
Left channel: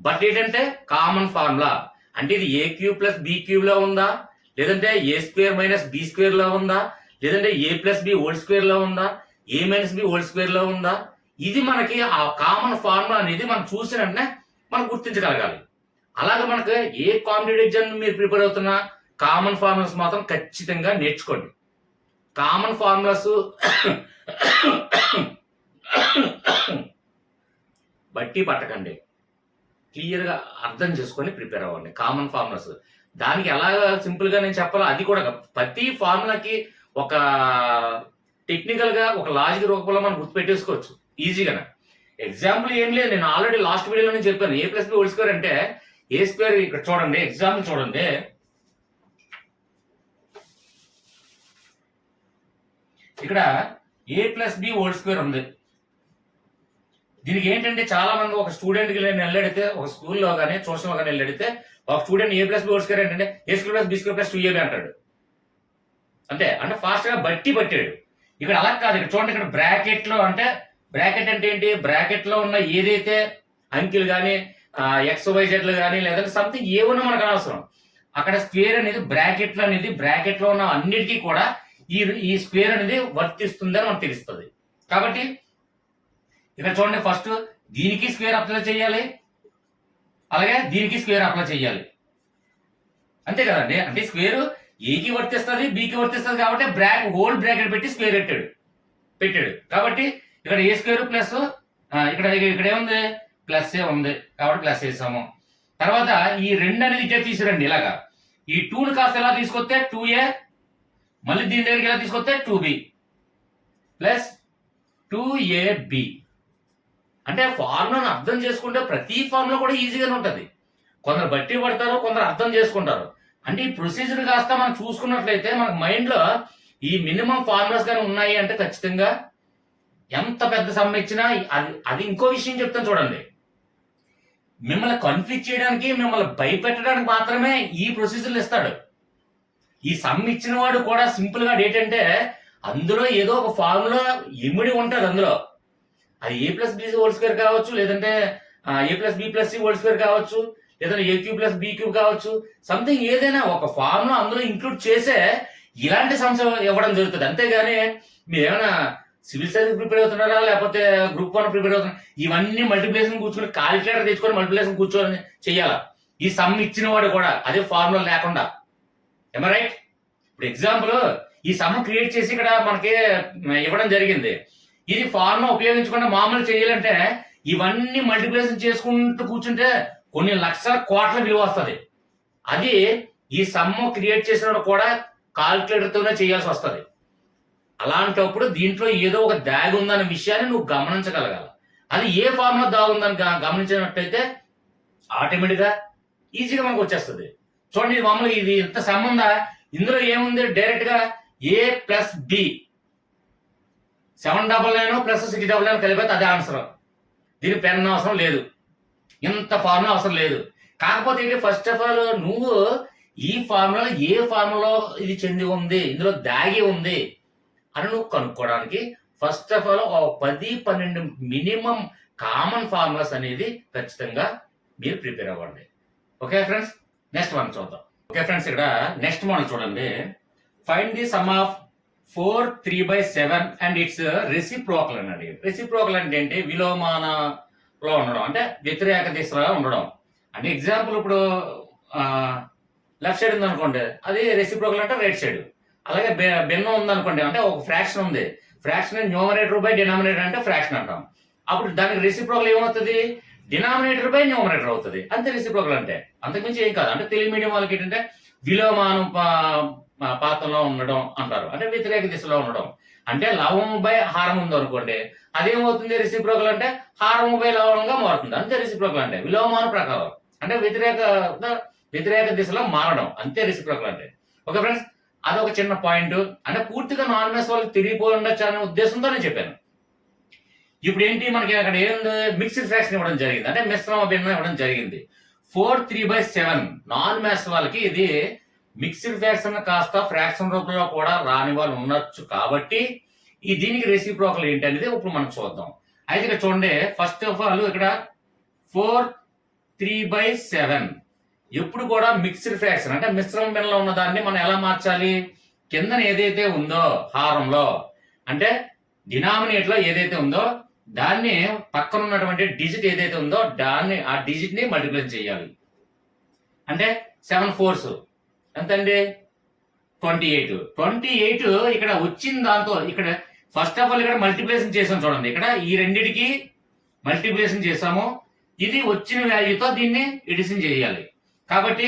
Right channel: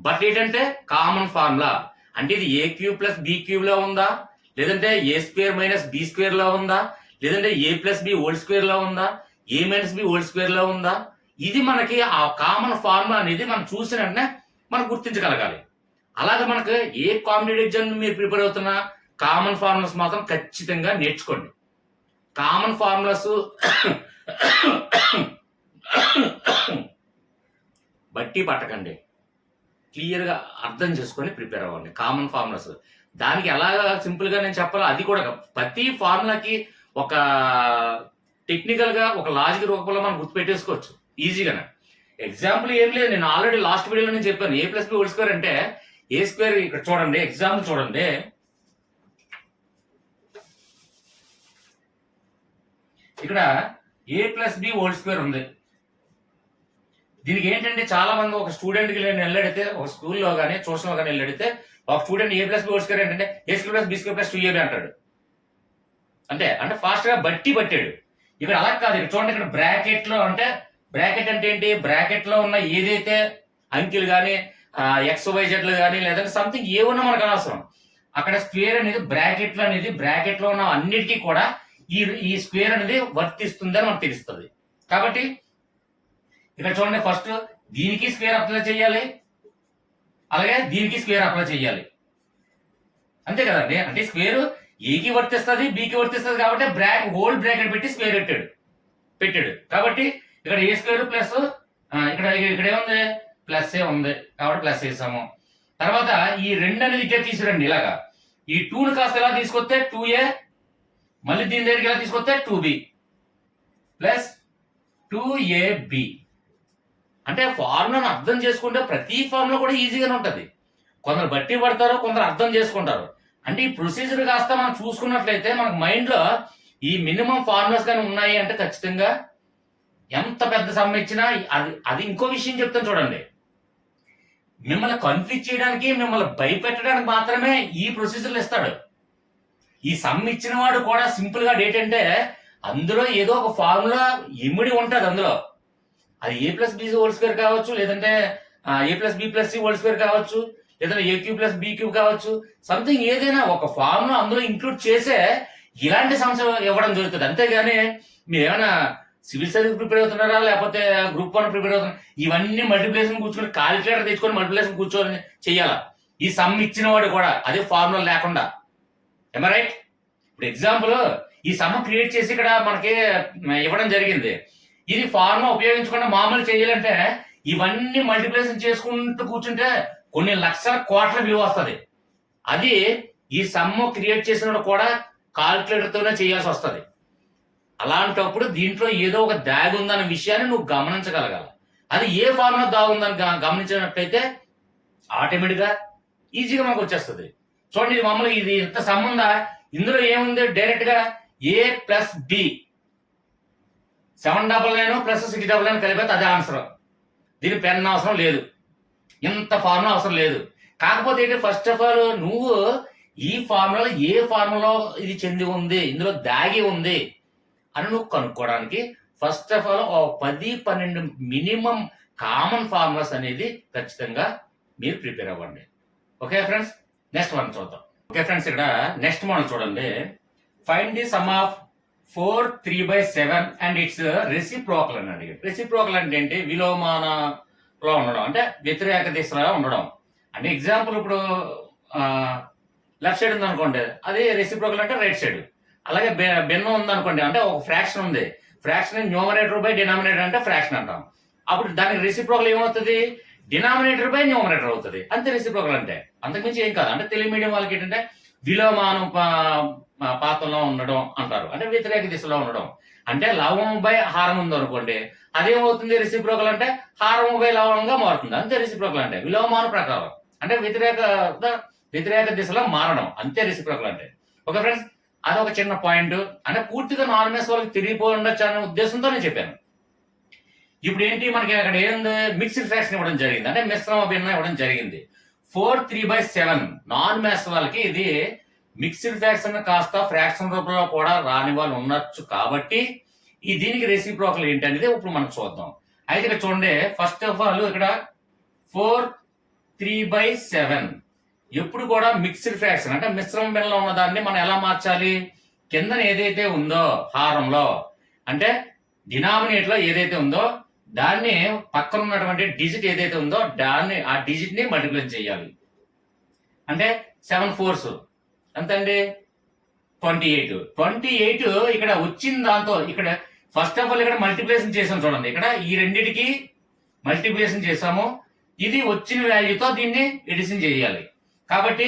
బట్ ఏంటంటే కామన్ ఫార్ములా. అంటే ఇది ఏ క్యూబ్ ప్లస్ బి క్యూబ్ లో ఉందా, లేదంటే ఏ స్క్వేర్ మైనస్ బి స్క్వేర్ లో ఉందా, లేదంటే A plus B whole square లో ఉందా, ఏ మైనస్ బి హోల్ స్క్వేర్ లో ఉందా, ఇది మనకి ఆ కామన్ ఫార్ములా అనేది మనం చూసిన వెంటనే మనం గుర్తించగలగాలి. అలాగే మనకు ఏ కాంపిటేటివ్ ఎగ్జామ్ మీరు ప్రిపేర్ అవుతున్నా కామన్ ఫార్ములాస్ మాత్రం ఖచ్చితంగా నేర్చుకోండి. కామన్ ఫార్ములాస్ బట్టి పట్టకండి, క్లియర్గా అర్థం చేసుకొని ప్రిపేర్ అవ్వండి. కామన్ ఫార్ములాస్ దానికి ఎలా సింపుల్గా నేను చెప్పాలో అది కూడా ప్రతి ఫార్ములాకి ఒక టెక్నికల్గా ఒక లాజిక్ రూపంలో మనం గుర్తుపెట్టేసుకోవచ్చు ఈజీగానే. ఎగ్జాంపుల్ ఏం లేదు, నేను ఆల్రెడీ లాస్ట్ వీడియోలో నేను చెప్పాను. ఏ ప్లస్ బి హోల్ స్క్వేర్ అంటే ఏ స్క్వేర్, ఇక్కడ చూడండి ఎగ్జాంపుల్ చూడండి. ఇక్కడ ఏ ప్లస్ బి హోల్ స్క్వేర్ ఉంది. దీనికి ఏంటంటే చాలా మంది ఒక స్టూడెంట్కి నేను వెళ్ళడితే, ఒక స్కూల్లో కానీ ట్యూషన్లో కానీ వెళ్ళడితే, ఒక student A plus B whole square ఏంటంటే A square plus B square plus 2ab అంటాడు. అంతే, అంటే ఫాస్ట్ గా పట్టాడు. ఇక్కడ అలా కాదు. ఇక్కడ చూడండి, ఇక్కడ బ్రాకెట్ లో అంటే బ్రాకెట్ అంటే ఏంటి, బ్రాకెట్ లో ఉన్న ఏదైతే అంకెలు కానీ XYZ కానీ లేదంటే సంథింగ్ ఏమన్నా మనకు అనవసరం. అక్కడ స్క్వేర్ అనేది బ్రాకెట్ లో ఉన్న అన్నిటికీ కూడా ఈ స్క్వేర్ అనేది వర్తిస్తుందని మనకు తెలుస్తుంది. కాబట్టి ఇక్కడ చూడండి, ఫస్ట్ దీనికి స్క్వేర్ అప్లై చేయాలి, అలాగే దీనికి స్క్వేర్ అప్లై చేయాలి. అంతే కదండి. అంటే స్క్వేర్ ఏకి వర్తిస్తుంది, బికి వర్తిస్తుంది కాబట్టి హోల్ బ్రాకెట్ పెట్టి స్క్వేర్ పెట్టాడు. కాబట్టి ఇక్కడ ఏ స్క్వేర్ ప్లస్ ఇక్కడ ఏముంది, ప్లస్ ఏ ఉంది కాబట్టి ప్లస్ వేసాము. తర్వాత ఈ రెండు అనేది ఇటే తీసుకురండి. ఇలాగా ఈ 2ని కాస్త ఎలా తీసుకొస్తే 2a, మళ్ళీ దీని దగ్గరికి ఎలా తీసుకొస్తే 2b ప్లస్ 2ab. అంటే ఫార్ములాను అర్థం చేసుకుంటే ప్రతి ఫార్ములా కూడా ఈజీగానే ఉంటుంది. కొందరు బట్టి పడతారు, కొందరు అర్థం చేసుకుంటారు. అంటే ఈ ప్రొసీజర్ కాస్త మనం చూసుకున్నట్లయితే మనకు మైండ్లో ఈ మినిమం ఫార్ములాస్ కానీ ఉన్నాయి అంటే ఖచ్చితంగా ఎంత పెద్ద సమ్ ఇచ్చినా అది ఇంకో విషయం చెప్తాను చూడండి. మిమ్మల్ని కన్ఫ్యూజ్ చేయడానికి, మిమ్మల్ని భయపెట్టడానికి మాత్రమే ఈ ప్రొసీజర్లు ఇస్తాడు. ఈ సమ్ ఇచ్చిన వాడు కూడా సింపుల్ గా ఏంటంటే అందులో ఏదో ఒక ఫార్ములా ఇమిడి ఉంటుంది. అందులో అది A plus B whole square కావచ్చు, లేదంటే A plus B plus C whole square కావచ్చు, లేదంటే A cube plus B cube కావచ్చు, సంథింగ్ ఏదైనా ఒక ఫార్ములా అందులో ఇంక్లూడ్ చేసే ఇలాంటి సంవత్సరం ఇవ్వడం జరుగుతుంది. అంతేగాని మీరు ఏమైనా సివిల్ సర్వీస్ ప్రిపేర్ అవుతున్నారా, లేకపోతే గ్రూప్ 1 ప్రిపేర్ అవుతున్నారు, ఇవన్నీ మల్టిప్లికేషన్ కూర్చొని కాలిక్యులేటర్ తెచ్చుకొని మల్టిప్లికేషన్ కూర్చొని చెయ్యాలా ఈ సమ్ ఇచ్చిన వాడు కూడా, అదే ఫార్ములా లేకుండా. ఏమో రైట్? ఇప్పుడు ఎగ్జాంపుల్ ఈ సమ్ క్రియేట్ చేసి ఇక్కడ మనకి ఇవ్వడం జరిగింది. ఇది ఫార్ములా ఉపయోగించకుండా మామూలు చేయాలంటే ఇవన్నీ మల్టిప్లికేషన్ చేసుకుంటూ కూర్చుంటే కొన్ని లక్షల కోట్ల విలువ వస్తుంది. అది ఈ సమ్ క్రియేట్ చేసిన కూడా కాల్కులేటర్ తోనే చేయాల్సి వస్తుంది. అలాంటప్పుడు దీంట్లో ఏదో ఒక దాగి ఉందన్న విషయాన్ని నువ్వు గమనించగలగాలి. అది ఏ ఫార్ములా దాగుందని గమనించినట్లయితే ఆటోమేటిక్గా ఈజీగా మనకు వచ్చేస్తుంది. చూడండి, ఇది మామూలుగా ఇది ఎంత సమ్ ఉందా, ఇందులో ఏముంది, డైరెక్ట్ గా ఏ ప్లస్ బి 799 ప్లస్ 699 కలిపితే అదే ఆన్సర్. దీని పెన్ అవసరం లేదు, ఇంత ఫార్ములా అవసరం లేదు. కాకపోతే ఏంటి, ఫస్ట్ ఆఫ్ ఆల్ నువ్వు ఈ ఫార్ములాలో ఏ ఫార్ములా ఇది చెంది ఉంది, ఇందులో దాగి ఉంది అని నువ్వు కనుక్కోవడానికి first of all 10-12 minimum common formulas అనేది ఖచ్చితంగా మీరు ప్రిపేర్ అవ్వండి. ఓకే ఫ్రెండ్స్, నెక్స్ట్ వన్ చూద్దాం. ఓకే ఫ్రెండ్స్, ఇక్కడ నెక్స్ట్ మోడల్ చూడండి. Find the some of 4 3/7 and it's reciprocal అనండి. రెసిప్రోకల్ అంటే ఏంటి, విలోమానలో ఉండడం, అంటే వ్యతిరేక దిశలో ఉండడం. అంటే ఎగ్జాంపుల్ ఇప్పుడు లెఫ్ట్ సైడ్ ఉంది అనుకోండి, అది రెసిప్రోకల్ అంటే రైట్ సైడ్. అలాగే భిన్నం ఉంది అనుకోండి, అంటే ఒక ఫ్రాక్షన్ ఉంది, ఫ్రాక్షన్ న్యూమరేటర్ బై డినామినేటర్ అంటే ఫ్రాక్షన్ అంటాం. అప్పుడు దానికి రెసిప్రోకల్ ఏమవుతుంది, డినామినేటర్ బై న్యూమరేటర్ అవుతుంది. అంతే రెసిప్రోకల్ అంటే, అంతకుమించి ఏం కాదు. అంటే తెలుగు మీడియం వాళ్ళకి ఏంటంటే విలోమానం పాత్రలో ఉండడం అంటారు, అంటే వ్యతిరేక దిశలో ఉండడం. అంటే లవము బై హారం ఉంది అనుకోండి, అదేమవుతుంది రెసిప్రోకల్ అంటే హారము బై లవణంగా మారుతుంది. అంతే రెసిప్రోకల్ అంటే విలోమాన ప్రకారం, అంటే వ్యతిరేక దిశలో మారడం, అంతే రెసిప్రోకల్ అంటే. ఓకే ఫ్రెండ్స్, అదొక చిన్న పాయింట్. అంటే పూర్తిగా నాన్ మ్యాథ్స్ వాళ్ళకి తిరిగిపోయి ఉండొచ్చు అనే ఉద్దేశంతో నేను చెప్పాను. ఇప్పుడు ఏంటి, మనకి అక్కడ ఏంది, మిక్స్డ్ ఫ్రాక్షన్ ఇవ్వడం జరిగింది, అంటే మిశ్రమ భిన్నం ఇవ్వడం జరిగింది. 4 3/7 నాన్ మ్యాథ్స్ వాళ్ళకి ఇది మిక్స్డ్ ఫ్రాక్షన్ కాస్త ఫ్రాక్షన్ రూపంలో కూడా రాని వాళ్ళు ఉండొచ్చు. కాబట్టి ఈ దీనికి రెసిప్రోకల్ ఏంటి అనేది ఇప్పుడు మనం చూద్దాం. అయితే ఇక్కడ చూడండి, ఫస్ట్ ఆఫ్ ఆల్ ఇక్కడ 4 3/7 ఎప్పుడు కూడా మిక్స్డ్ ఫ్రాక్షన్, అంటే మిశ్రమ భిన్నంలో ఉన్న దాన్ని మనం ఎలా మార్చాలి, కింద ఏదైతే ఉందో హారంలో, అంటే డినామినేటర్ లో ఏదైతే ఉందో దాన్ని పక్కన ఉన్నటువంటి డిజిట్ ఏదైతే ఉందో దాన్ని, ఆ డిజిట్ ని మల్టిప్లై చేయాలి. అంటే 7 4s ఎంతండి 28 ఇక్కడ వచ్చిన దాంతో ఇక్కడ ఫస్ట్ ఆఫ్ ఆల్ ఇక్కడ మల్టిప్లికేషన్ చేసాం చూడండి. ఇక్కడ ఈ రెండిటికి మల్టిప్లికేషన్ చేసాము. ఇది వచ్చిన వాల్యూతో దీన్ని ఎడిషన్ చేయాలి. కాబట్టి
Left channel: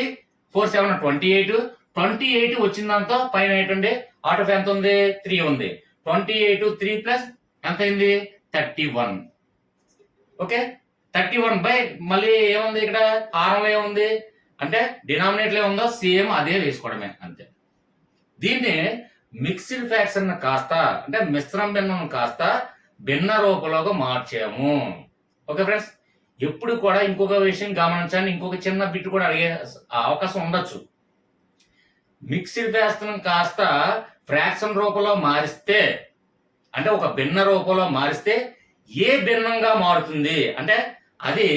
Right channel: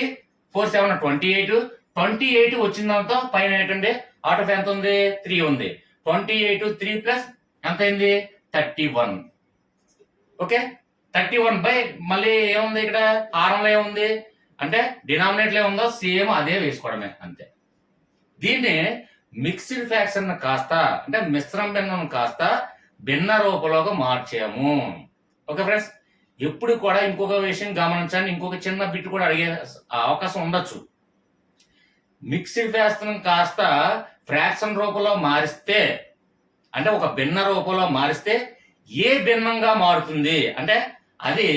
4 7 28 వచ్చిన దాంతో పైన ఏంటండి అవుట్ ఆఫ్ ఎంత ఉంది 3 ఉంది. 28 3 ప్లస్ ఎంత అయింది 31. ఓకే 31 బై మళ్ళీ ఏముంది ఇక్కడ హారంలో ఏముంది అంటే డినామినేటర్ ఏముందో సేమ్ అదే వేసుకోవడమే అంతే. దీన్ని మిక్స్డ్ ఫ్రాక్షన్ కాస్త అంటే మిశ్రమ భిన్నం కాస్త భిన్న రూపంలోకి మార్చాము. ఓకే ఫ్రెండ్స్, ఎప్పుడు కూడా ఇంకొక విషయం గమనించండి, ఇంకొక చిన్న బిట్ కూడా అడిగే అవకాశం ఉండొచ్చు. మిక్స్డ్ ఫ్రాక్షన్ కాస్త ఫ్రాక్షన్ రూపంలో మారిస్తే అంటే ఒక భిన్న రూపంలో మారిస్తే ఏ భిన్నంగా మారుతుంది అంటే అది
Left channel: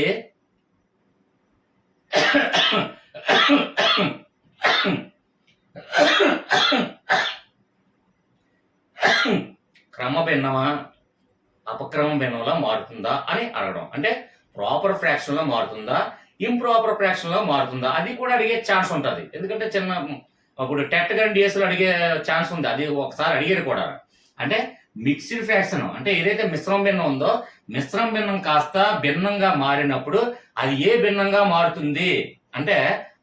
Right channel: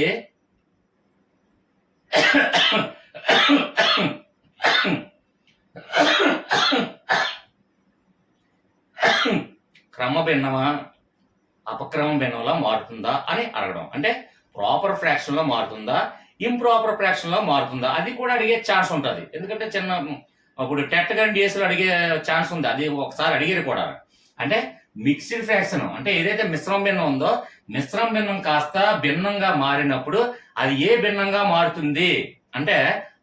క్రమ భిన్నమా అపక్రమ భిన్నంలో మారుతుందా అని అడగడం. అంటే ప్రాపర్ ఫ్రాక్షన్ లో మారుతుందా ఇంప్రాపర్ ఫ్రాక్షన్ లో మారుతుందా అది కూడా అడిగే ఛాన్స్ ఉంటుంది. ఎందుకంటే చిన్న ఇప్పుడు టెట్ కానీ డిఎస్లో అడిగే ఛాన్స్ ఉంది. అది ఒకసారి అడిగారు కూడా. అంటే మిక్స్డ్ ఫ్రాక్షన్ అంటే ఏదైతే మిశ్రమ భిన్నం ఉందో మిశ్రమ భిన్నం కాస్త భిన్నంగా మారినప్పుడు అది ఏ భిన్నంగా మారుతుంది అంటే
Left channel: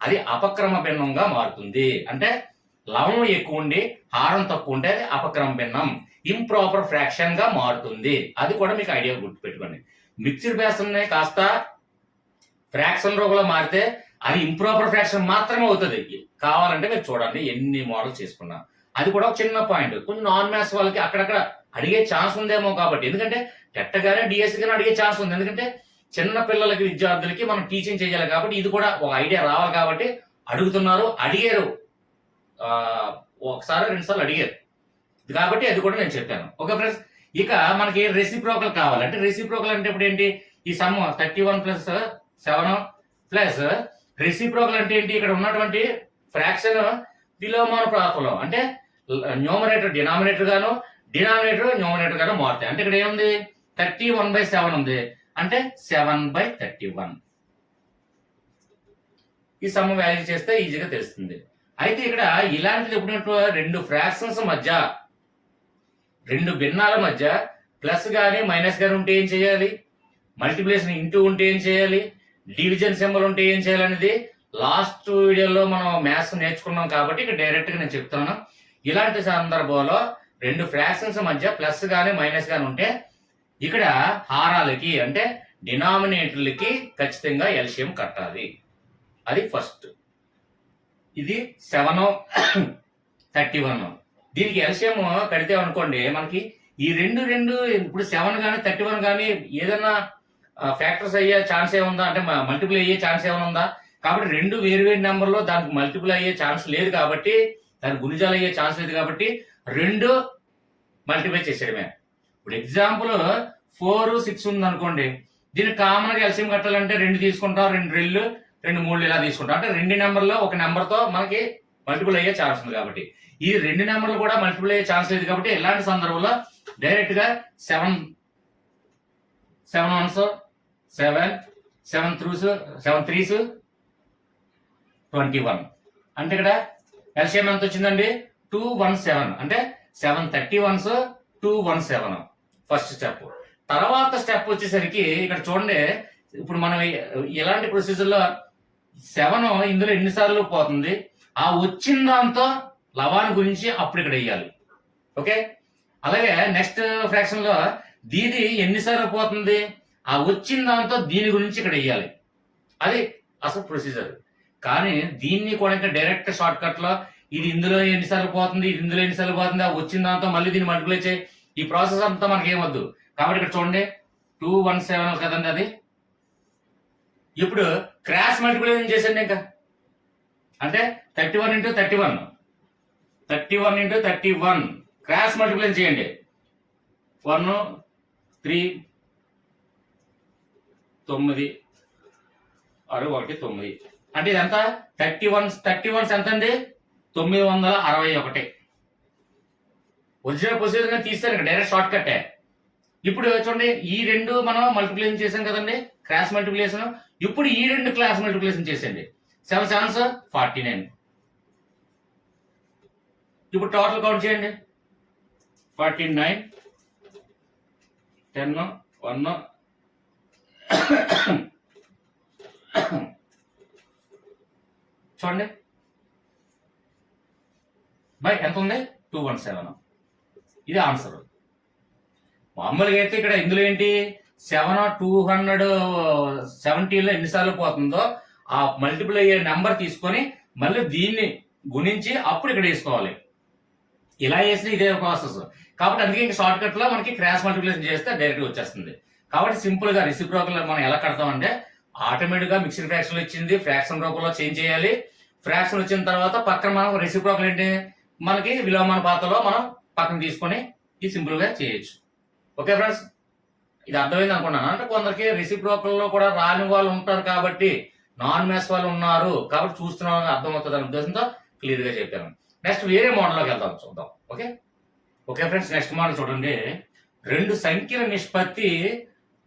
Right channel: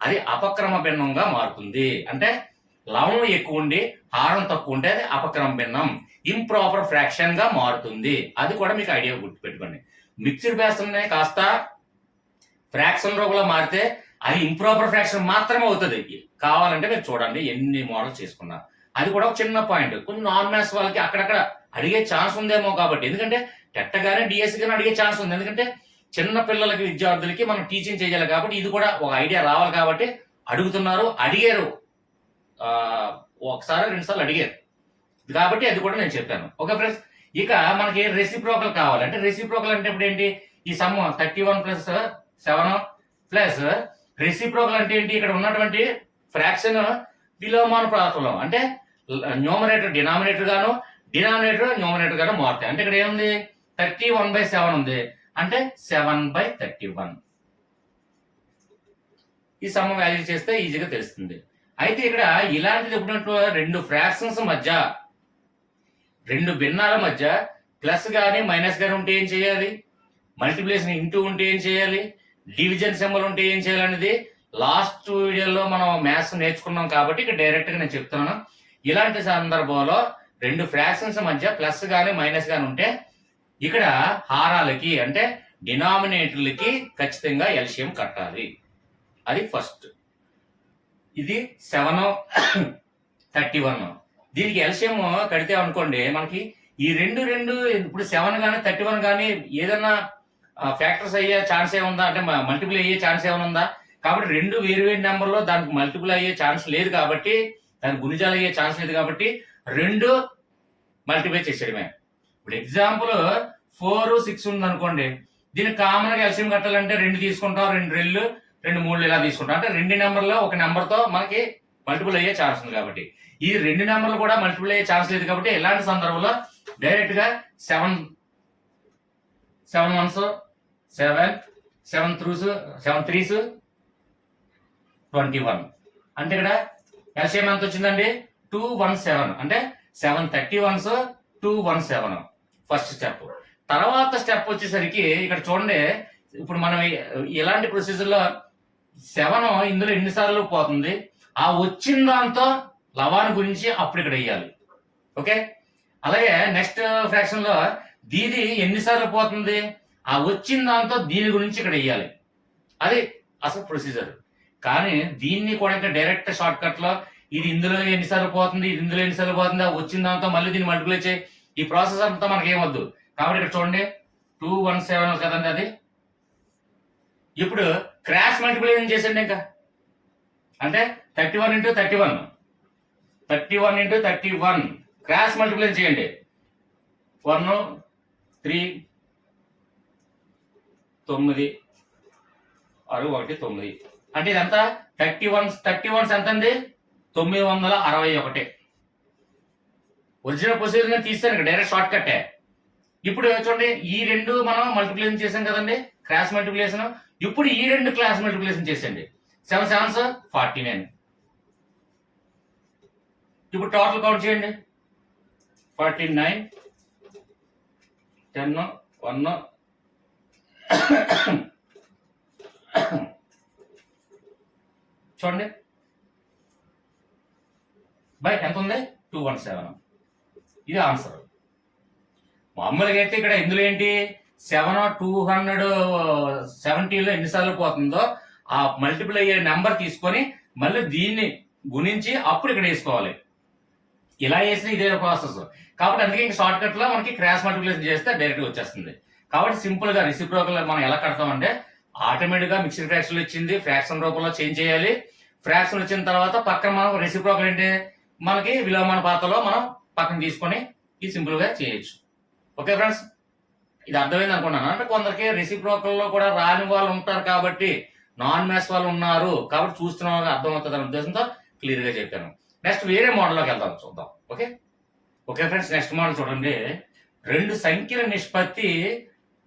అది అపక్రమ భిన్నంగా మారుతుంది. అంటే లవణం ఎక్కువ ఉండి హారం తక్కువ ఉంటే అది అపక్రమ భిన్నం ఇంప్రాపర్ ఫ్రాక్షన్ గా మారుతుంది. అది కూడా మీకు ఐడియా గుర్తుపెట్టుకోండి. మిక్స్డ్ ఫ్రాక్షన్ కాస్త ఫ్రాక్షన్ రూపంలో మారితే అది ఇంప్రాపర్ ఫ్రాక్షన్ మాత్రమే అవుతుంది. కావాలంటే మీరు చూడండి ఎన్ని మోడల్స్ చేసుకున్నా. అది కూడా ఒక చిన్న పాయింట్. కొంచెం నాన్ మ్యాథ్స్ వాళ్ళకి అక్కడక్కడ అడిగే ఛాన్స్ ఉందేమో కాబట్టి, ఎందుకంటే టెట్ గానీ డిఎస్సి గానీ అడిగే ఛాన్స్ ఉంది. ఎందుకంటే చిన్న పిల్లలకి విద్యార్థులకి మనం టీచింగ్ చేయాలి కాబట్టి ఇది కూడా ఒక ఐడియా రావాలి కాబట్టి అడుగుతున్నారు. అడిగారు ఒకసారి 2 సార్లు అడిగారు కాబట్టి అది కూడా నేను చెప్పాను. ఓకే ఫ్రెండ్స్, ఇక మనకి రెసిప్రోకల్ కావాలంటే రెసిప్రోకల్ అంటే ఇప్పుడు ఏంటి ఈ సమ్ 31 ప్లస్ 7 ప్లస్ రెసిప్రోకల్ అంటే ఏంటి ఇక్కడ ఉన్నటువంటి ఫ్రాక్షన్ విలోమానుపాతంలో అంటే న్యూమరేటర్ డినామినేటర్ గాను డినామినేటర్ న్యూమరేటర్ గాను మారుతాయి. అంటే ఇక్కడ ఏముంది 31/7 ఉంది అంటే 7/31. ఈ సమ్ వాల్యూ చేస్తే ఈజీగా తెలుస్తుంది. అయితే ఇక్కడ ఇలాంటిది ఎప్పుడు రెండు ఫ్రాక్షన్స్ మధ్య రెండు భిన్నాల మధ్య ప్లస్ కానీ మైనస్ కానీ ఉంటే ఏం చేయాలి, మల్టిప్లికేషన్ ఇంటూ ఉంటే ఏం చేయాలి, డివిజన్ సింబల్ ఉంటే ఏం చేయాలి అనేది లాస్ట్ వీడియోలో మనం మ్యాథ్స్ నేర్చుకున్నాం కాబట్టి ఇక్కడ డైరెక్ట్ గా నేను చెప్తున్నాను. ఇలాంటి సందర్భంలో రెండు ఫ్రాక్షన్స్ మధ్య ప్లస్ కానీ మైనస్ కానీ ఉంటే ఇక్కడ హారాలకి అంటే డినామినేటర్లకి ఖచ్చితంగా ఎల్సిఎం కట్టాలి. అది ఫస్ట్. ఇది 7 31. దీనికి ఎల్సిఎం కడితే అనుకోండి మనకి ఈ రెండు ఇప్పుడు 7 కానీ 31 కానీ ఏదైనా ఫ్యాక్టర్స్ అయ్యే ఛాన్స్ ఏముందా అంటే మల్టిపుల్ అయ్యే ఛాన్స్ ఏమైనా ఉందా? కాబట్టి రెండు వేరు నెంబర్లో దానికి మల్టిపుల్ అయ్యే ఛాన్స్ లేదు కాబట్టి దానికి గుణిజాలు అయ్యే ఛాన్స్ లేదు కాబట్టి రెండు మల్టిప్లై చేసేయడమే. ఇప్పుడు ఎగ్జాంపుల్ 4 6 ఉంది అనుకోండి, దీనికి కామన్ గా ఎల్సిఎం కట్టాలంటే 2 తీసుకుంటాం, 2 2 2 3 ఇలా తీసుకుంటాం. అంటే రెండు నెంబర్లో ఒక నెంబర్ తో మనకి మల్టిపుల్ అయ్యే ఛాన్స్ ఉంది కాబట్టి ఈ రెండు నెంబర్లు కూడా మల్టిపుల్ అయ్యే ఛాన్స్ లేదు కాబట్టి ఇలాంటి సందర్భంలో డైరెక్ట్ గా 7 1s 7 7 3s 21. అంటే ఇక్కడ ఎల్సిఎం ఎంత వచ్చిందండి 217. అంటే 7 31s 217 ఫస్ట్ స్టెప్. తర్వాత స్టెప్ వచ్చేసరికి ఇక్కడ చూడండి, ఇప్పుడు మనం ఇలాంటి ప్రొసీజర్ లో 7 ఇందులో ఎన్నిసార్లు పోతుంది ఆ వచ్చిన దాంతో లవాన్ని గురించి అప్పుడు ఇక్కడ వేయాలి. ఓకే, అలాగే నెక్స్ట్ ఫ్రాక్షన్ లో దీది ఎన్నిసార్లు పోతుంది ఆ వచ్చిన దాంతో దీని గురించి ఇక్కడ వేయాలి. అది అసలు ప్రొసీజర్. కానీ దీన్ని కూడా ఇంకా డైరెక్ట్ షార్ట్ కట్ లో ఇది ఇందులో ఎన్నిసార్లు పోతుంది ఇది ఇందులో ఎన్నిసార్లు పోతుంది ఆ వచ్చిన దాంతో మళ్ళీ దీన్ని మల్టిప్లై చేయి, ఈ ప్రాసెస్ అంతా మనకి ఏమొద్దు. కాబట్టి ఇక్కడ చూడండి 217 కదండి అది. ఇప్పుడు క్రాస్ మల్టిప్లికేషన్ చేసండి ఇంకా అంటే 31 × 31 × 31 క్రాస్ మల్టిప్లికేషన్ చేయండి. 1 3 9 6 1 9 అంటే ఇదంతా 31 ఎంత అండి 961. ఒరిజినల్ ప్రొసీజర్ తీస్తాను డైరెక్ట్ షార్ట్ కట్టే. ఇప్పుడు చూడండి ఈ రెండు మనం మల్టిప్లికేషన్ చేసాం కదండి క్రాస్ మల్టిప్లికేషన్. ఇప్పుడు ఈ రెండు క్రాస్ మల్టిప్లికేషన్ చేసండి. 7 7s 49 ఇప్పుడు టోటల్ కౌంట్ చేయండి. 49 10 1 చూడండి బై ఎంత ఉంది 217. ఇది ఆన్సర్. మామూలుగా అయితే ఇక్కడ ఇందులో ఏంటి 270లో ఎన్నిసార్లు పోతుందో ఆ మల్టిపుల్ అయ్యే నెంబర్ తీసుకొని మళ్ళీ దీన్ని గుణించి అప్పుడు ఇక్కడ వేసుకోవాలి. ఇలా వేసిన ఇదే ప్రాసెస్ కాబట్టి అందుకే ఇంకా షార్ట్ కట్ లో మనకి క్రాస్ మల్టిప్లికేషన్ చేస్తే డైరెక్ట్ వచ్చేస్తుంది. కాబట్టి సింపుల్ గా రెసిప్రోకల్ మనం ఎలా కడతామంటే ఆటోమేటిక్ గా మిక్స్డ్ ఫ్రాక్షన్ వచ్చింది, ఫ్రాక్షన్ రూపంలో చేంజ్ చేయాలి. ఫ్రాక్షన్ వచ్చిన తర్వాత పక్కన మనం రెసిప్రోకల్ ఏంటి మనకి విలోమానుపాతంలో మనం పక్కన తీసుకొని ఇది సింపుల్ గా చేయొచ్చు. ఓకే ఫ్రెండ్స్, ఇది అర్థమైంది అనుకున్నాను. అంటే కొందరికి రెసిప్రోకల్ లో కూడా రాని వాళ్ళు ఉంటారు కాబట్టి నాన్ మ్యాథ్స్ వాళ్ళు ఉన్నారు కాబట్టి చూస్తున్న వాళ్ళకి అర్థమవుతుంది అనే ఉద్దేశంతో క్లియర్ గా చెప్పాను. నెక్స్ట్ వేరే మోడల్లోకి వెళ్దాం, చూద్దాం. Okay okay friends, next model చూడండి. రెండు సంఖ్యల నిష్పత్తి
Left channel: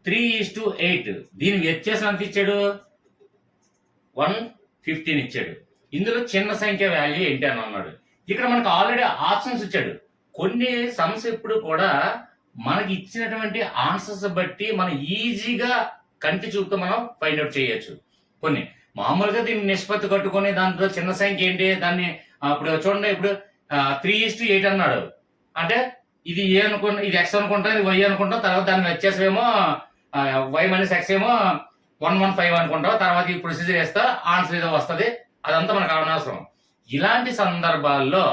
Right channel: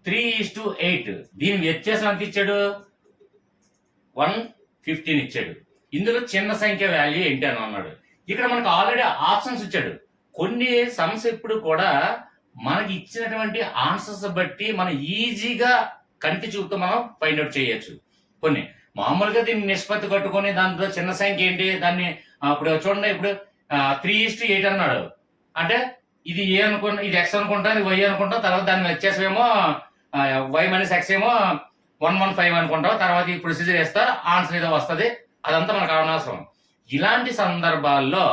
3:8. దీని వ్యత్యాసం ఎంత ఇచ్చాడు 115 ఇచ్చాడు. ఇందులో చిన్న సంఖ్య వాల్యూ ఏంటి అని అన్నాడు. ఇక్కడ మనకు ఆల్రెడీ ఆప్షన్స్ ఇచ్చాడు. కొన్ని సమ్స్ ఎప్పుడు కూడా మనకి ఇచ్చినటువంటి ఆన్సర్స్ బట్టి మనం ఈజీగా కంటి చూపుతో మనం ఫైండ్ అవుట్ చేయొచ్చు. కొన్ని మామూలుగా దీన్ని నిష్పత్తి కట్టుకొని దాంట్లో చిన్న సంఖ్య ఏంటి దాన్ని ఇప్పుడు చూడండి, ఇప్పుడు 3:8 అన్నాడు అంటే ఇది ఏ అనుకుంటా, ఇది ఎక్స్ అనుకుంటా, ఇది వై అనుకుంటాం. తర్వాత దాన్ని వ్యత్యాసమేమో వై మైనస్ ఎక్స్ ఏమో 115 అనుకుంటాం. తర్వాత ఈ ప్రొసీజర్ వేస్తా ఆన్సర్ ఏదో వస్తుంది. అదంతా మనకు అనవసరం. ఇలాంటి సందర్భాల్లో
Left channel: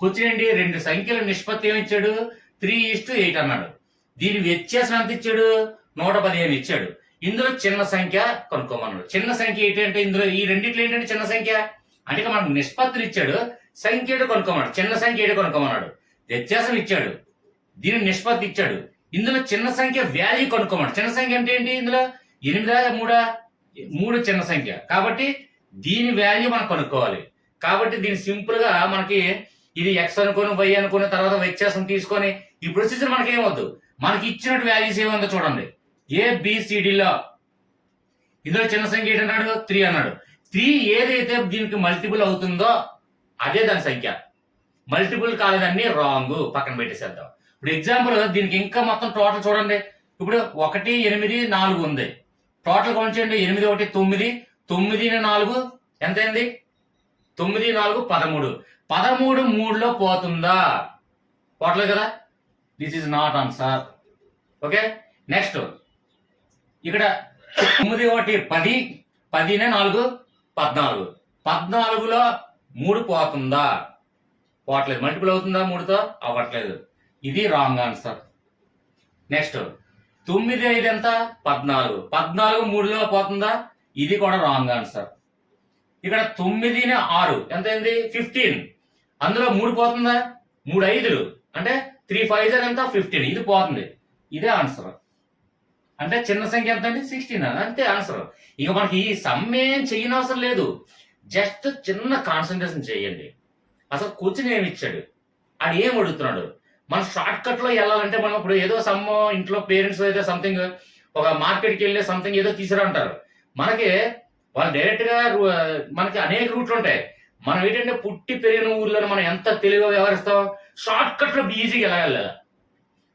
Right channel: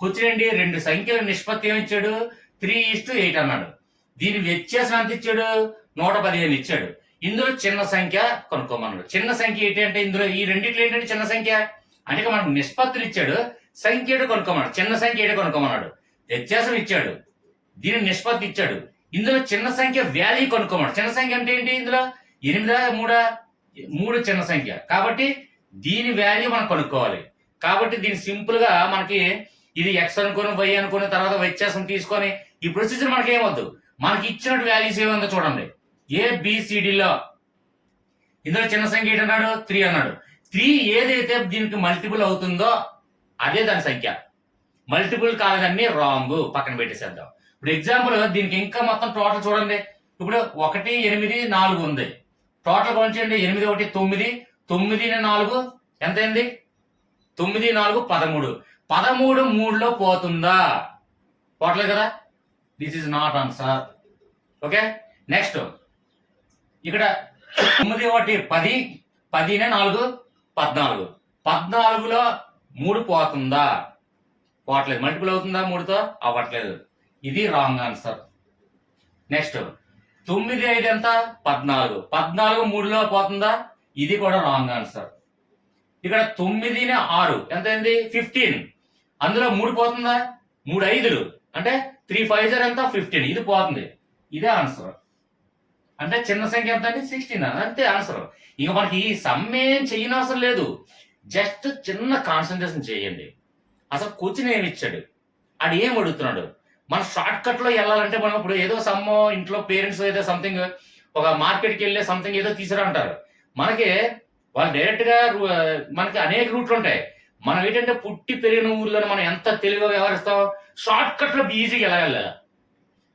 కూర్చునండి రెండు సంఖ్యల నిష్పత్తి ఏమి ఇచ్చాడు 3:8 అన్నాడు. దీని వ్యత్యాసం ఎంత ఇచ్చాడు 115 ఇచ్చాడు. ఇందులో చిన్న సంఖ్య కనుక్కోమన్నాడు. చిన్న సంఖ్య ఏంటి అంటే ఇందులో ఈ రెండిట్లో ఏంటంటే చిన్న సంఖ్య అంటే మనకు నిష్పత్తులు ఇచ్చాడు, సంఖ్య ఏడు కొనుక్కోమన్నాడు. చిన్న సంఖ్య ఏడు కొనుక్కోమన్నాడు. వ్యత్యాసం ఇచ్చాడు, దీని నిష్పత్తి ఇచ్చాడు. ఇందులో చిన్న సంఖ్య వాల్యూ కొనుక్కోమన్నాడు. చిన్న సంఖ్య అంటే ఏంటి ఇందులో 8 3 చిన్న సంఖ్య కాబట్టి దీని వాల్యూ మనం కనుక్కోవాలి. కాబట్టి దీని సింపుల్ గా మనకి ఇది ఎక్స్ అనుకుని వై అనుకుని తర్వాత వ్యత్యాసం తీసుకొని ఈ ప్రొసీజర్ మనకి ఏమవుద్దు, మనకి ఇచ్చినట్టు వాల్యూస్ ఏముందో చూడండి. ఏబిసిడిలో ఇందులో చిన్న సంఖ్య ఏంటన్నాడు 3 అన్నాడు. 3 ఏదైతే దీనికి మల్టిపుల్ అవుతుందో అదే దాని సంఖ్య. మల్టిపుల్ కాలేదన్నీ రాంగ్, పక్కన పెట్టేసేద్దాం. ఇప్పుడు ఎగ్జాంపుల్ దీనికి ఇంకా మొత్తం టోటల్ చూడండి. ఇప్పుడు 1 8 4 ఉంది. టోటల్ కౌంట్ చేయండి. 8 1 9 9 4 ఎంత అయింది 9 4 13. 13 3లో పోతుందా? పోవట్లేదు కదా. This is not answer. Okay next ఇక్కడ 9 1 10 10 4 14. 14లో 3 పోతుందా? పోవట్లేదు. మల్టిపుల్ అవుతుందా 3తో? అవ్వట్లేదు. ఇది రాంగ్ ఆన్సర్. నెక్స్ట్ 9 5 ఎంత 14. 14 3లో పోతుందా? ఇది కూడా రాంగ్ ఆన్సర్. ఇక్కడ 9 6 ఎంత అయింది 15. అందులో 3 పోతుందా? 3 5 అంటే 3 5 ఎంత 15. ఇది పోతుంది. ఇదే ఆన్సర్. అంటే చిన్న సంఖ్య ఎంత అంటే 16 అంతే ఆన్సర్. ఇక మనకి ఈ సమ్ ఏం చేయనవసరం లేదు. జస్ట్ చిన్న కాన్సన్ట్రేషన్ చేయండి. అసలు క్వశ్చన్ ఏమి ఇచ్చాడు, అది ఏం అడుగుతున్నాడు. మన షార్ట్ కట్ లో వెళ్ళాలంటే మనం ఇప్పుడు ఏదో సమ్ ఇంట్లో పేరెంట్స్ ఏదో సంథింగ్ ఒక మార్కెట్కి వెళ్ళే సంథింగ్ ఏదో తీసుకురా అంటారు. మనకి వాళ్ళు డైరెక్ట్ గా మనకి అనేక రూట్లు ఉంటాయి. మనం ఏంటంటే పుట్టి పెరిగిన ఊర్లో మనం ఎంత తెలివిగా వ్యవహరిస్తాం. షార్ట్ కట్ లో ఈజీగా ఎలా వెళ్ళాలా,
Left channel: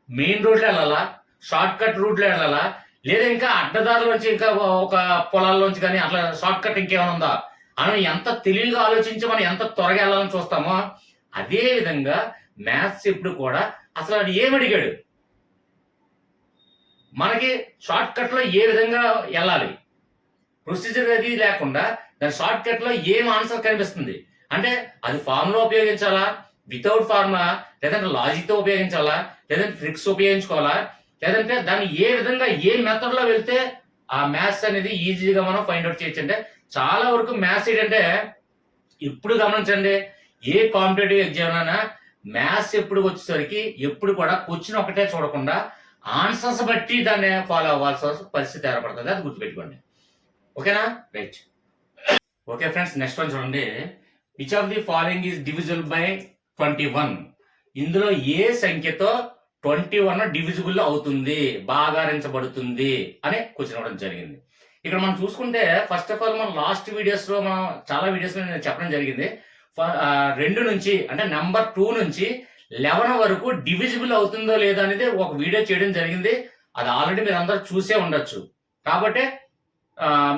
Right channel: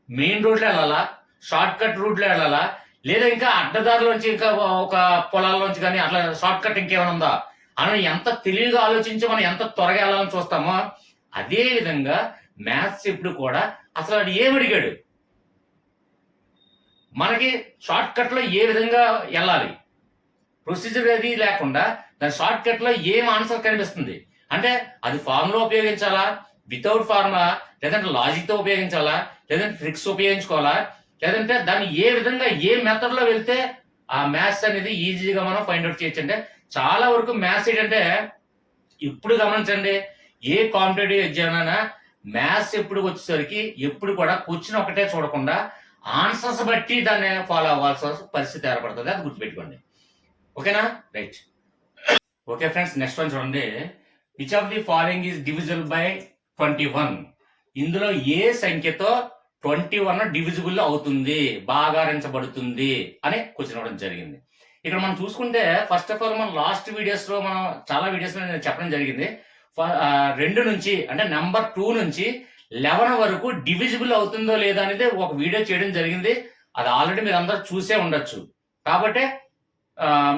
మెయిన్ రోడ్ లో వెళ్ళాలా, షార్ట్ కట్ రూట్ లో వెళ్ళాలా, లేదా ఇంకా అడ్డదారులోంచి ఇంకా ఒక పొలాల్లోంచి కానీ అట్లా షార్ట్ కట్ ఇంకేమైనా ఉందా అని ఎంత తెలివిగా ఆలోచించి మనం ఎంత త్వరగా వెళ్ళాలని చూస్తామో అదే విధంగా మ్యాథ్స్ ఇప్పుడు కూడా అసలు అది ఏం అడిగాడు, మనకి షార్ట్ కట్ లో ఏ విధంగా వెళ్ళాలి, ప్రొసీజర్ అది లేకుండా దాని షార్ట్ కట్ లో ఏం ఆన్సర్ కనిపిస్తుంది అంటే అది ఫార్ములా ఉపయోగించాలా, వితౌట్ ఫార్ములా, లేదంటే లాజిక్ తో ఉపయోగించాలా, లేదంటే ట్రిక్స్ ఉపయోగించుకోవాలా, లేదంటే దాన్ని ఏ విధంగా ఏ మెథడ్ లో వెళ్తే ఆ మ్యాథ్స్ అనేది ఈజీగా మనం ఫైండ్ అవుట్ చేయొచ్చు. అంటే చాలా వరకు మ్యాథ్స్ ఏంటంటే ఇప్పుడు గమనించండి, ఏ కాంపిటేటివ్ ఎగ్జామ్ అయినా మ్యాథ్స్ ఎప్పుడు వచ్చేసరికి ఎప్పుడు కూడా క్వశ్చన్ ఒకటే చూడకుండా ఆన్సర్స్ బట్టి దాన్ని ఫాలో అవ్వాల్సిన పరిస్థితి ఏర్పడుతుంది. అది గుర్తుపెట్టుకోండి. ఓకేనా right. Okay friends, next one చూడండి. Which of the following is divisible by 21? ఇందులో ఏ సంఖ్యతో 21 డివిజిబుల్ అవుతుంది, భాగారించబడుతుంది అనే క్వశ్చన్ ఇవ్వడం జరిగింది. ఇక్కడ మనం చూసుకుంటే ఫస్ట్ ఆఫ్ ఆల్ మనం లాస్ట్ వీడియోస్ లో మనం చాలా వీడియోస్ లో నేను చెప్పడం జరిగింది. 2 నుంచి అంటే నెంబర్ 2 నుంచి 11 వరకు డివిజిబుల్ అవుతుందో లేదో అనేది ఒక వీడియో చేయడం జరిగింది. అది ఆల్రెడీ మీరు అందరూ చూసే ఉండొచ్చు. కాబట్టి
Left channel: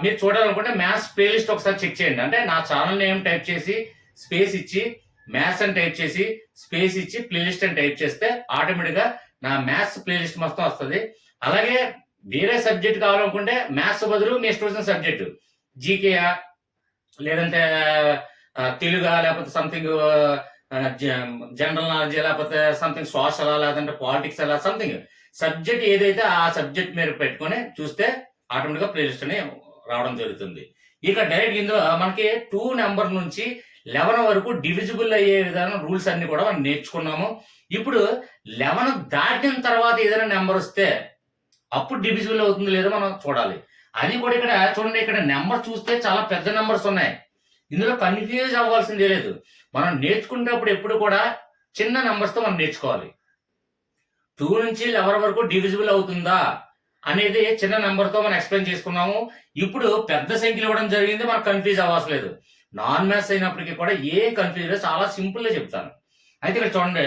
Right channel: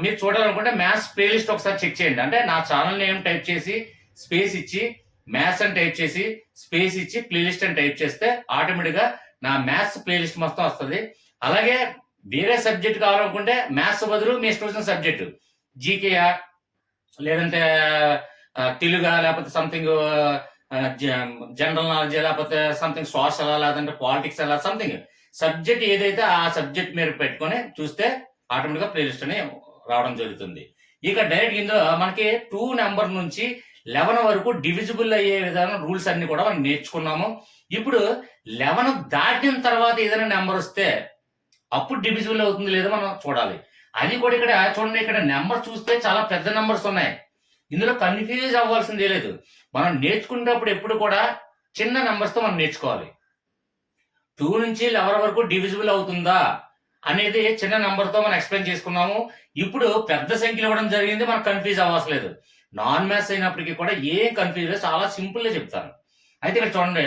మీరు చూడాలనుకుంటే మ్యాథ్స్ ప్లేలిస్ట్ ఒకసారి చెక్ చేయండి. అంటే నా ఛానల్ నేమ్ టైప్ చేసి స్పేస్ ఇచ్చి మ్యాథ్స్ అని టైప్ చేసి స్పేస్ ఇచ్చి ప్లేలిస్ట్ అని టైప్ చేస్తే ఆటోమేటిక్గా నా మ్యాథ్స్ ప్లేలిస్ట్ మొత్తం వస్తుంది. అలాగే వేరే సబ్జెక్ట్ కావాలనుకుంటే మ్యాథ్స్ బదులు మీ ఇష్టం వచ్చిన సబ్జెక్టు జీకేయా లేదంటే తెలుగా లేకపోతే సంథింగ్ జనరల్ నాలెడ్జ్ లేకపోతే సంథింగ్ సోషల్ లేదంటే పాలిటిక్స్ అలా సంథింగ్ సబ్జెక్ట్ ఏదైతే ఆ సబ్జెక్ట్ మీరు పెట్టుకొని చూస్తే ఆటోమేటిక్గా ప్లేలిస్ట్ అని రావడం జరుగుతుంది. ఇక డైరెక్ట్ ఇందులో మనకి 2 నెంబర్ నుంచి 11 వరకు డివిజిబుల్ అయ్యే విధానం రూల్స్ అన్ని కూడా మనం నేర్చుకున్నాము. ఇప్పుడు 11 దాటిన తర్వాత ఏదైనా నెంబర్ వస్తే అప్పుడు డివిజిబుల్ అవుతుంది లేదో మనం చూడాలి. అది కూడా ఇక్కడ చూడండి, ఇక్కడ నెంబర్ చూస్తే చాలా పెద్ద నెంబర్స్ ఉన్నాయి. ఇందులో కన్ఫ్యూజ్ అవ్వాల్సిందే లేదు. మనం నేర్చుకునేటప్పుడు ఎప్పుడు కూడా చిన్న నెంబర్స్ తో మనం నేర్చుకోవాలి. 2 నుంచి 11 వరకు డివిజిబుల్ అవుతుందా అనేది చిన్న నెంబర్ తో మనం ఎక్స్ప్లెయిన్ చేసుకున్నాము. ఇప్పుడు పెద్ద సంఖ్యలు ఇవ్వడం జరిగింది, మనకు కన్ఫ్యూజ్ అవ్వట్లేదు. నాన్ మ్యాథ్స్ అయినప్పటికీ కూడా ఏ కన్ఫ్యూజ్ చాలా సింపుల్ గా చెప్తాను. అయితే ఇక్కడ చూడండి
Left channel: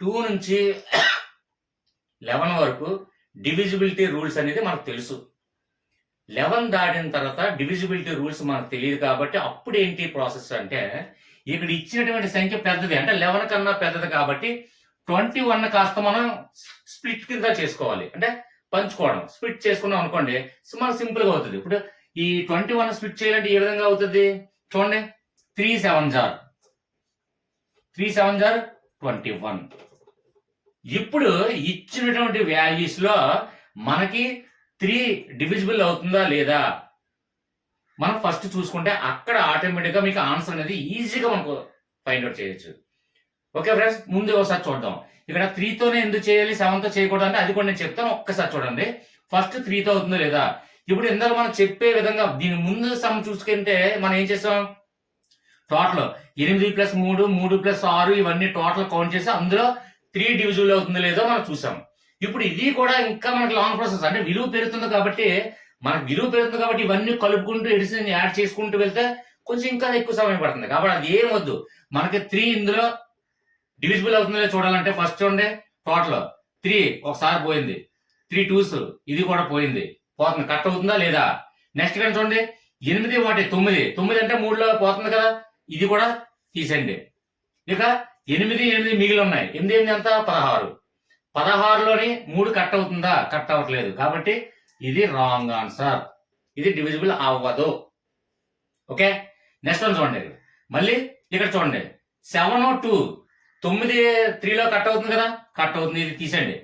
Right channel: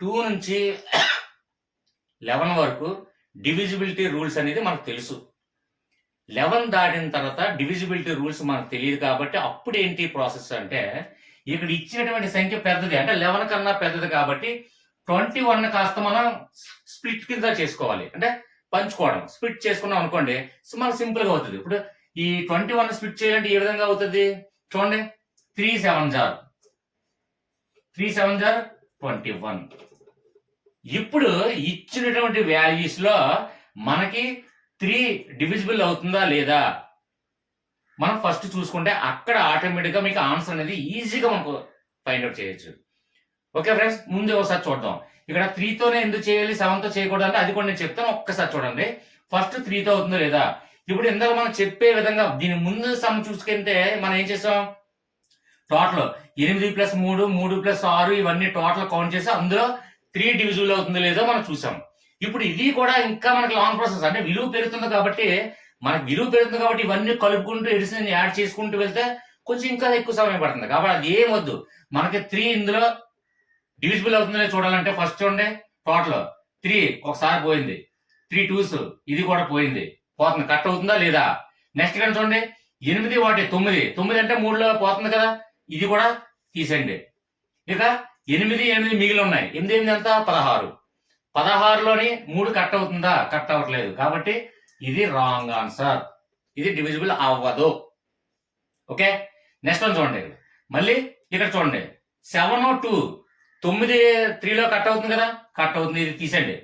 2 నుంచి 11 వరకు డివిజిబిలిటీ రూల్స్ అనేది మనకు తెలుసు. 11 దాటిన తర్వాత డివిజిబిలిటీ రూల్స్ మనకు తెలియదు కాబట్టి అప్పుడు ఏంటి ప్రాసెస్ అంటే ఇక్కడ ఇచ్చినటువంటి సంఖ్య పెద్దది అంటే 11 కన్నా పెద్దది కాబట్టి 21 కాస్త మనం స్ప్లిట్ కింద చేసుకోవాలి. అంటే పంచుకోవడం స్ప్లిట్ చేసుకున్నాం అనుకోండి మనకు సింపుల్ గా అవుతుంది. ఇప్పుడు ఈ 21 స్ప్లిట్ చేయాలంటే ఏ విధంగా అవుతుంది చూడండి. 3 7 జార్ 21. ఇప్పుడు ఇచ్చినటువంటి వాల్యూస్ లో మనకి 3 డివిజిబుల్ అవుతుందా లేదా మనం ఫస్ట్ చూసుకుంటే అక్కడ ఆటోమేటిక్ గా మీకు ఆన్సర్ అనేది ఈజీగా మనకు ఫైండ్ అవుట్ చేయొచ్చు. ఓకే ఫ్రెండ్స్, ముందు ఒకసారి చూద్దాం. ఇక్కడ 3 తోనే ఎందుకు చేయాలి 7 తో చేయకూడదు అంటే అది కూడా నేను చెప్తాను. ఒక్కసారి చూడండి. ఫస్ట్ 3 తో అవుతుందో లేదా. ఇప్పుడు ఇందులో మనం చెప్పే విధంగా దీని ముందు సమ్ చూసుకుంటే మనం ఏం చేస్తాం, టోటల్ 8 + 3 3 + 6 ఇవన్నీ టోటల్ కౌంట్ చేసి అందులో 3 డివిజిబుల్ అవుతుందో లేదో మనం చూసాం. ఇప్పుడు ఇది కూడా ఇంకా మనకి లాంగ్ ప్రాసెస్ అంటే విలువ పెరుగుతుంది కాబట్టి ఇవన్నీ కలుపుకుంటూ ఎడిషన్ యాడ్ చేసుకుంటూ వెళ్తే కొంచెం ఇంకా ఎక్కువ సమయం పడుతుంది. కాబట్టి అది ఏం వద్దు, మనకి 3 ఇందులో డివిజిబుల్ అవుతుందో చూడాలంటే ఫస్ట్ చూడండి టోటల్ 3 ఒకసారి పోయింది, 3 2s ఇది కూడా పోయింది, పోతుంది, కట్ అవుతుందా లేదా. నెక్స్ట్ కానీ చూడండి 8 1 9 అంటే 3లో పోతుంది కదా, ఇది కూడా తీసేయండి. ఇక 8 మిగిలి ఉన్నాయి. 8 ఎంత 16, 16లోని 3 కట్ అవుతుందా, కట్ అవ్వట్లేదు కాబట్టి ఇది రాంగ్ ఆన్సర్, ఇది డివిజిబుల్ అవ్వదు. ఓకే, నెక్స్ట్ వన్ చూడండి. మళ్ళీ ఇక్కడ చూడండి 7 2 9 3లో కట్ అవుతుంది కదా, కట్ అవుతుంది, ఇది తీసేయండి.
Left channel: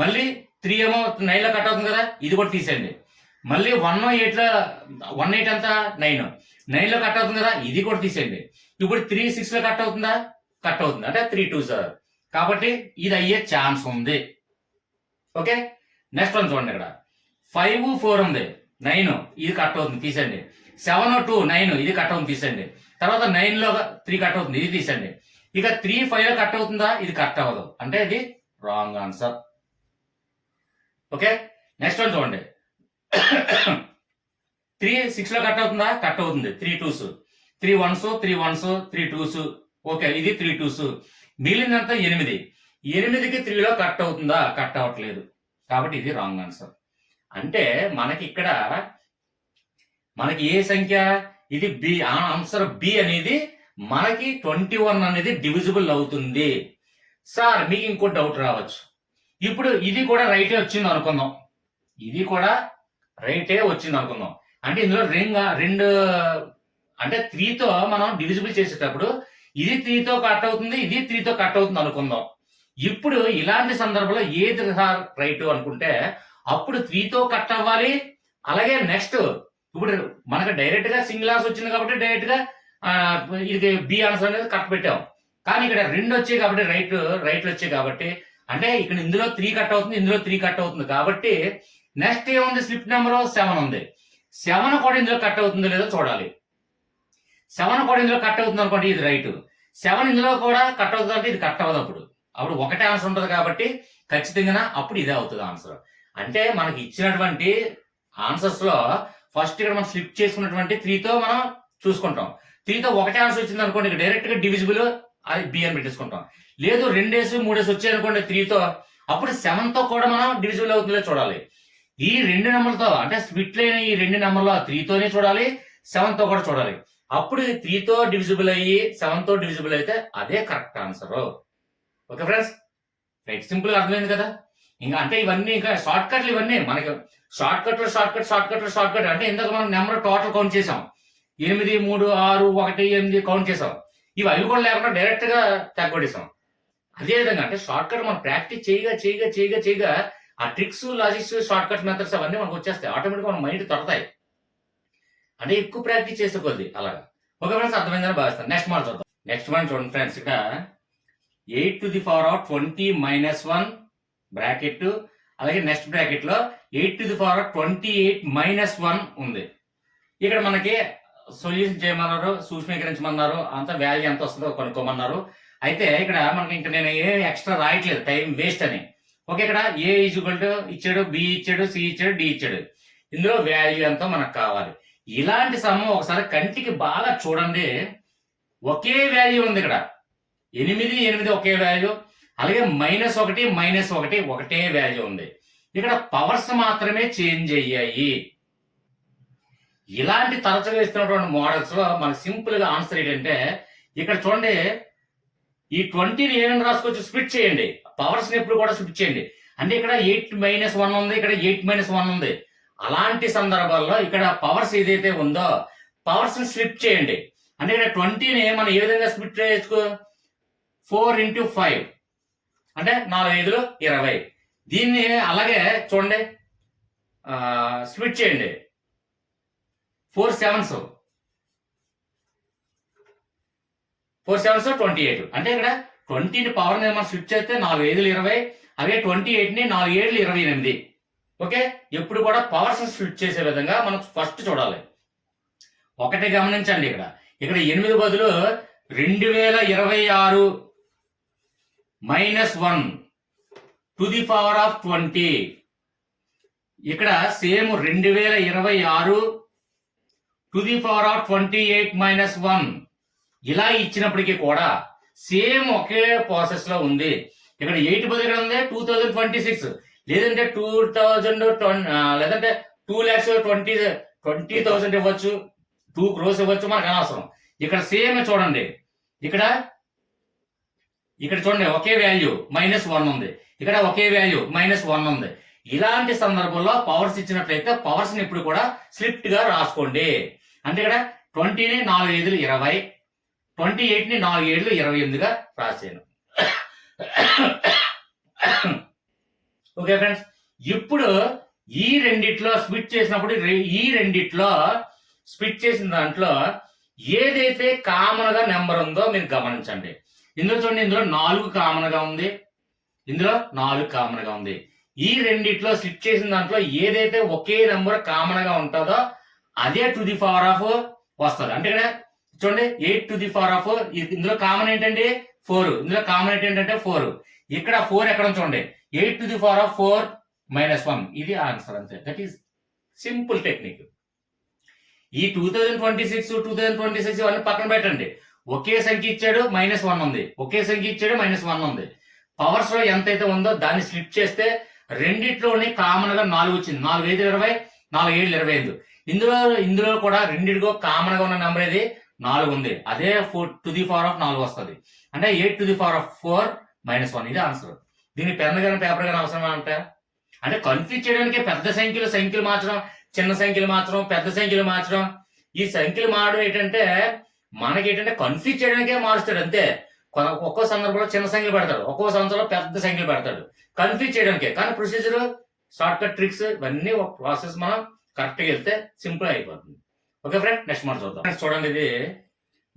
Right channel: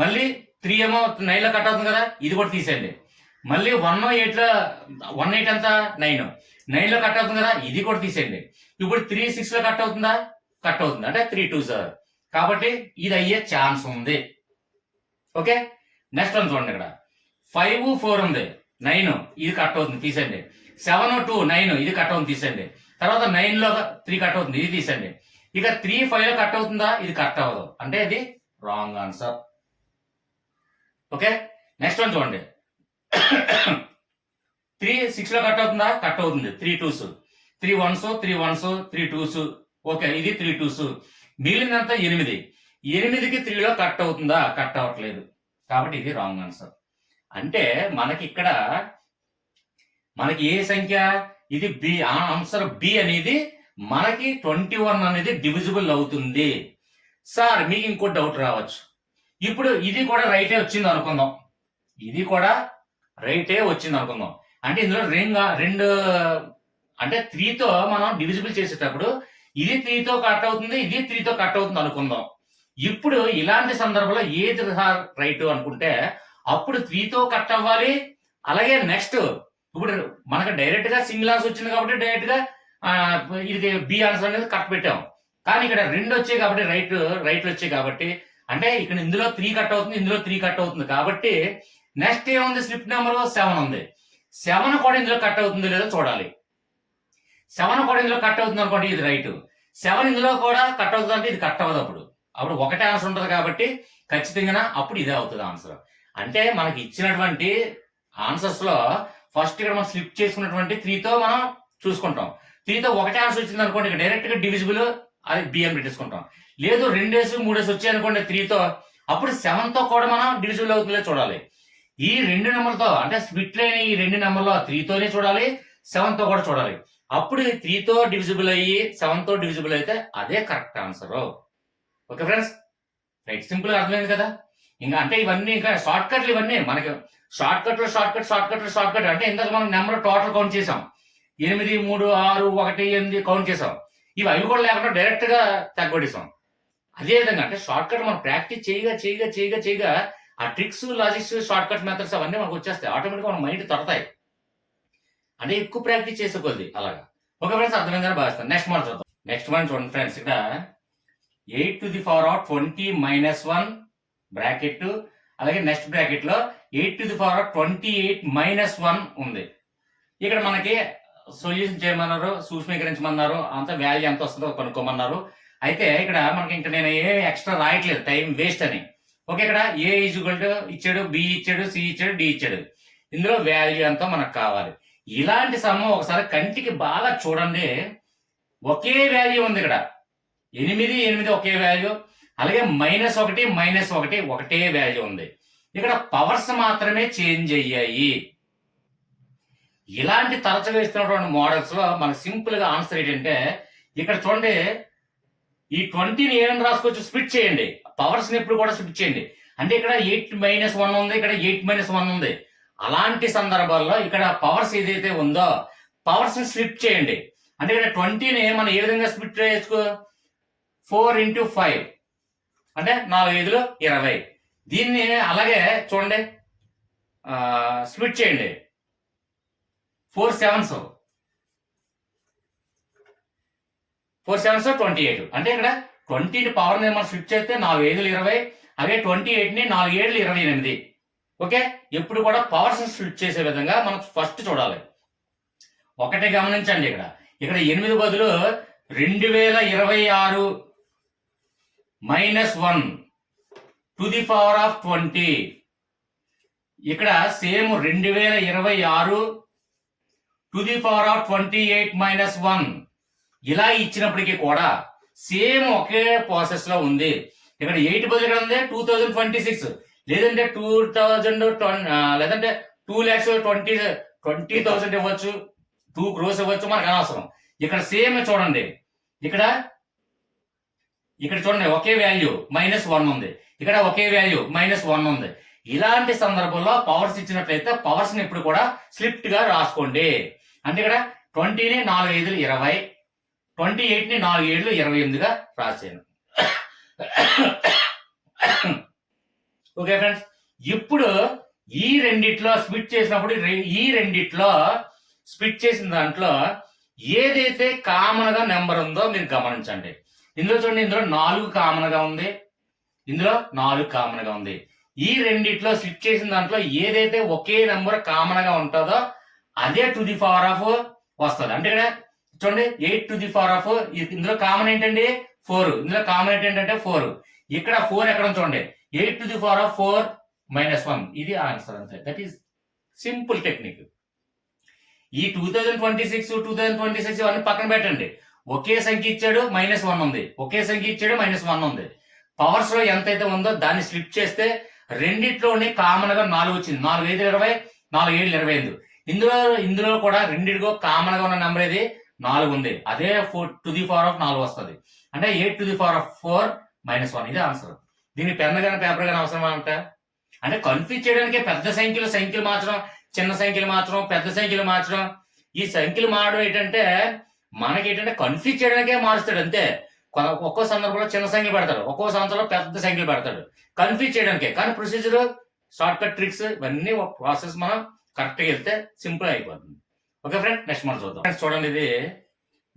మళ్ళీ 3 ఏమో 9లో కట్ అవుతుంది కదా, ఇది కూడా తీసేయండి. మళ్ళీ 1 8లో 1 8 ఎంత 9 9లో కట్ అవుతుంది కదా, ఇది కూడా తీసేయండి. ఇప్పుడు 3 6లో కట్ అవుతుందా, కట్ అవుతుంది, అంటే 3 2s కాబట్టి ఇది అయ్యే ఛాన్స్ ఉంది. ఓకే, నెక్స్ట్ వన్ చూడండి. ఇక్కడ 5 4 ఉంది, 9 ఇది కట్ అవుతుంది, తీసేయండి. 7 2 9 ఇది కట్ అవుతుంది, తీసేయండి. తర్వాత 9లో 3 కట్ అవుతుంది, ఇది తీసేయండి. ఇక 3 5లో కట్ అవుతుందా, ఇది కట్ అవ్వదు, అంటే ఇది wrong answer. Okay, next one చూడండి. 3 6లో కట్ అవుతుందా, కట్ అవుతుంది, 3 2s 3 1s 3 1s 3 2s. Okay, ఇది 3 2s. మిగిలినంతా 8 8కి 3లో కట్ అవుతుందా, కట్ అవ్వట్లేదు, కాబట్టి ఇది రాంగ్ ఆన్సర్. అంటే మనకి ఇక్కడ మనకి ఏ సంఖ్య, ఇది బి, ఆన్సర్ బి అనేది మనకి 21 అనేది డివిజిబుల్ అవుతుంది. సార్ మీకు ఇంకో డౌట్ రావచ్చు, ఇప్పుడు ఇది కూడా రైటే వచ్చింది అనుకుందాం, ఇది కూడా రైటే వచ్చింది అనుకుందాం. అంటే ఇందులో రెండు అంటే 3తో మనం డివిజిబుల్ చేసేటప్పుడు ఇది 3తో కట్ అవుతుంది, ఇది 3తో కట్ అవుతుంది అనుకుందాం. ఇప్పుడు ఇలాంటి సందర్భంలో ఏది రైట్ అనుకుంటే అప్పుడు 3తో కట్ అవ్వాలి. అలాగే నెక్స్ట్ ఇప్పుడు మనకు డైరెక్ట్ గా సింగిల్ ఆన్సర్ వచ్చింది కాబట్టి డైరెక్ట్ గా ఇది బి ఆన్సర్ అనేది కట్ పెట్టాం. కానీ ఇక్కడ 2 వచ్చాయి కాబట్టి రైట్ వచ్చాయి కాబట్టి అంటే ఇక్కడ ఇందులో 3 కట్ అవుతుంది, ఇందులో 3 కట్ అవుతుంది కాబట్టి నెక్స్ట్ ఏముంది, స్లిప్ నెంబర్ 7 ఉంది. 7 కూడా ఇందులో కట్ అవుతుందో లేదో చూడాలి. 7 కూడా ఇందులో కట్ అవుతుంది అనుకోండి, ఇది రైట్. 7 ఇందులో కూడా కట్ అవుతుంది అంటే ఇది కట్ అవ్వదు. అప్పుడు ఒకటే ఆన్సర్ ఉంటుంది కాబట్టి ఖచ్చితంగా అప్పుడు ఇదే అవుతుంది ఆన్సర్. అంటే మనకి ఇచ్చినటువంటి ఆన్సర్స్ లో ఫస్ట్ ఇక్కడ మనం స్లిప్ చేసుకున్నటువంటి 3తో మనం చూసుకుంటాం. 3తో ఒకటే ఆన్సర్ వచ్చింది అనుకోండి, ఇక్కడ డైరెక్ట్ గా డివిజిబుల్ అది బి అని పెట్టేసుకుంటాం. లేదు 2 3 వచ్చాయి అనుకోండి 3తో, అప్పుడు 7తో కూడా మనం డివిజిబుల్ అవుతుందో చూడాలి. ఈ 2 నెంబర్లతో అంటే స్ప్లిట్ అయిన ఈ 2 నెంబర్లో 3తోనే చూడాలి, 7తో కూడా చూడాలి. అప్పుడు 3తో డివిజిబుల్ అయ్యి 7తో డివిజిబుల్ అయితే అదే correct answer. Okay friends, right, simple గా అర్థమైంది కదా. ఇంకా అంటే ఇవన్నీ ఇంకా షార్ట్ కట్లు, ఇవన్నీ మనకి షార్ట్ కట్ అంటే ఇందాక మనం నెంబర్ టోటల్ కౌంట్ చేసాం, 8 3 6 1 8 కౌంట్ చేసాం. ఇవి అవి కూడా లేకుండా డైరెక్ట్ గా తగ్గొట్టేసాం. అదే విధంగా అంటే షార్ట్ కట్ మనం ప్రాక్టీస్ చేయగా ఆ tricks, logics, short cut methods అవన్నీ మనకు వచ్చేస్తాయి, ఆటోమేటిక్గా మన మైండ్ తడతాయి. అంటే ఎక్కువ ప్రాక్టీస్ చేసేకొద్ది అలాగా. ఓకే ఫ్రెండ్స్, అర్థమైందని భావిస్తాను. నెక్స్ట్ మనం చూద్దాం. నెక్స్ట్ మనం చూడండి ఫ్రెండ్స్, ఇక్కడ 8 to the power of 20 minus 1 bracket, అలాగే నెక్స్ట్ బ్రాకెట్ లో 8 to the power of 28 minus 1 ఉంది. ఇక్కడ మనకి సొల్యూషన్ చేయమన్నారు, సూక్ష్మీకరించమన్నారు, అంత వాల్యూ ఎంత వస్తుందో కనుక్కోమన్నారు. అయితే ఇక్కడ మనకి ఇంకా నేను ఏ ఎక్స్ట్రా రాయట్లేదు, టైం వేస్ట్ అని. ఓకే, ఇక్కడ ఏ ఈజ్వల్ టు ఇచ్చాడు, బి ఇచ్చాడు, సి ఇచ్చాడు, డి ఇచ్చాడు. ఇందులో వాల్యూ ఎంతో మనకు కావాలి. ఇలాంటి సమ్మ ఒకసారి కంటికి బాగా చూడండి. ఒకే వాల్యూ ఉంది ఇక్కడ, 8 ఒకే వాల్యూ, అలాగే -1 ఒకటే వాల్యూ ఉంది. ఇక్కడ పవర్స్ మాత్రమే చేంజ్ అయ్యాయి. ఇలాంటి తరచు వేస్తున్నటువంటి మోడల్స్ లో మనకు సింపుల్ గా ఆన్సర్ ఏంటంటే, ఇక్కడ చూడండి, ఈ 20ని ఏమైనా రాసుకోవచ్చు, స్ప్లిట్ చేయండి. పవర్స్ ని ఎప్పుడు కూడా స్ప్లిట్ చేయండి. అంటే ఇక్కడ 8 - 1 ఉంది, ఇక్కడ 8 - 1 ఉంది. అలాంటి సందర్భాల్లో ఇక్కడ పవర్స్ ఏదైతే ఉందో పవర్స్ ని స్ప్లిట్ చేయండి. అంటే ఇక్కడ 20ని మనం ఏ విధంగా స్ప్లిట్ చేయొచ్చు, 4 × 5 అంటే 4 5 20. దీన్ని అలాగే చూడండి, స్ప్లిట్ చేయండి. 4 7s 28. అంటే ఇక్కడ 20ని పవర్ ని మనం స్ప్లిట్ చేస్తే 4 5 20, అలాగే 28ని 4 7 28. ఓకే, ఎప్పుడు కూడా పవర్స్ స్ప్లిట్ చేసే విధంగా మనం ఫస్ట్ చూడాలి. ఒకటి గమనించండి, ఇక్కడ 8 బదులు 2026 -1 to the power of 20. ఇక్కడ same 2026 to the power of 28 - 1 ఇలా ఇచ్చినప్పటికీ కూడా సేమ్ ఒకే ప్రాసెస్ లో ఉంది. ఇక్కడ 8 బదులు ఉంది 2026, లేదంటే 2020, లేదంటే 2,20,000 ఇవ్వచ్చు, 2 crores ఇవ్వచ్చు, మనకు అనవసరం. ఇక్కడ సేమ్ చూడండి, ఇక్కడ చూడండి ఒకే వాల్యూ -1 ఉంది, ఇక్కడ ఒకే వాల్యూ -1 ఉంది. ఇలాంటి సందర్భంలో పవర్స్ ఇచ్చినట్లయితే పవర్స్ ని ఇప్పుడు కూడా స్లిప్ట్ గా రాసుకోండి. అంటే ఇక్కడ 20ని 4 5 20, 28ని 4 7 28గా రాసాను. ఓకే ఫ్రెండ్స్, ఇప్పుడు ఈ రెండిట్లో స్ప్లిట్ చేసినప్పుడు స్ప్లిట్ చేసిన దాంట్లో ఏదైతే కామన్ గా నెంబర్ ఉందో మీరు గమనించండి. ఇందులో చూడండి, ఇందులో 4 కామన్ గా ఉంది, ఇందులో 4 కామన్ గా ఉంది. ఈ రెండిట్లో స్ప్లిట్ చేసిన దాంట్లో ఏదైతే ఒకే నెంబర్ కామన్ గా ఉంటుందో అదే టు ది పవర్ ఆఫ్ వస్తుంది. అంటే ఇక్కడ చూడండి 8 to the power of, ఇందులో కామన్ ఏంటండి 4, ఇందులో కామన్ ఏంటంటే 4. ఇక్కడ 4 ఎక్కడ చూడండి, 8 to the power of 4 - 1. ఇది ఆన్సర్ అంతే. That is simple technique. ఈ 2026 అన్ని పక్కన పెట్టండి. ఒకే సంఖ్య ఇచ్చాడు -1 ఉంది, ఒకే సంఖ్య ఇచ్చాడు -1 ఉంది. పవర్స్ లో ఎంతైతే ఉందో దాన్ని స్ప్లిట్ చేస్తే రెండిట్లోని కామన్ గా 4 వచ్చింది. 4 5 20, 4 7 25. ఇందులో కూడా రెండిటికో కామన్ గా ఉన్న నెంబర్ ఏది 4 ఉంది. అదే 4 to the power of 4 వస్తుంది. అంటే 8 to the power of 4 - 1. ఇది ఆన్సర్. దీన్ని పెన్ కానీ పేపర్ కానీ అవసరం అంటే కన్ఫ్యూజ్ చేయడానికి పెద్ద సంఖ్యలు మార్చడం, చిన్న సంఖ్యలు మార్చడం, పెద్ద సంఖ్యలు మార్చడం. ఈ సంఖ్యలు మారడం ఏంటంటే మనకి కన్ఫ్యూజ్ చేయడానికే మారుస్తాడు అంతే. ఒక్కో సందర్భంలో చిన్న సంఖ్యలు పెడతాడు, ఒక్కో సంవత్సరంలో పెద్ద సంఖ్యలు పెడతాడు, కన్ఫ్యూజ్ చేయడానికే. కానీ ప్రొసీజర్, షార్ట్ కట్ ట్రిక్స్ ఇవన్నీ ఒక ప్రాసెస్ మనం కరెక్ట్ గా వెళ్తే సింపుల్ అయిపోతుంది. ఓకే ఫ్రెండ్, నెక్స్ట్ మనం చూద్దాం. చూడండి, ఇది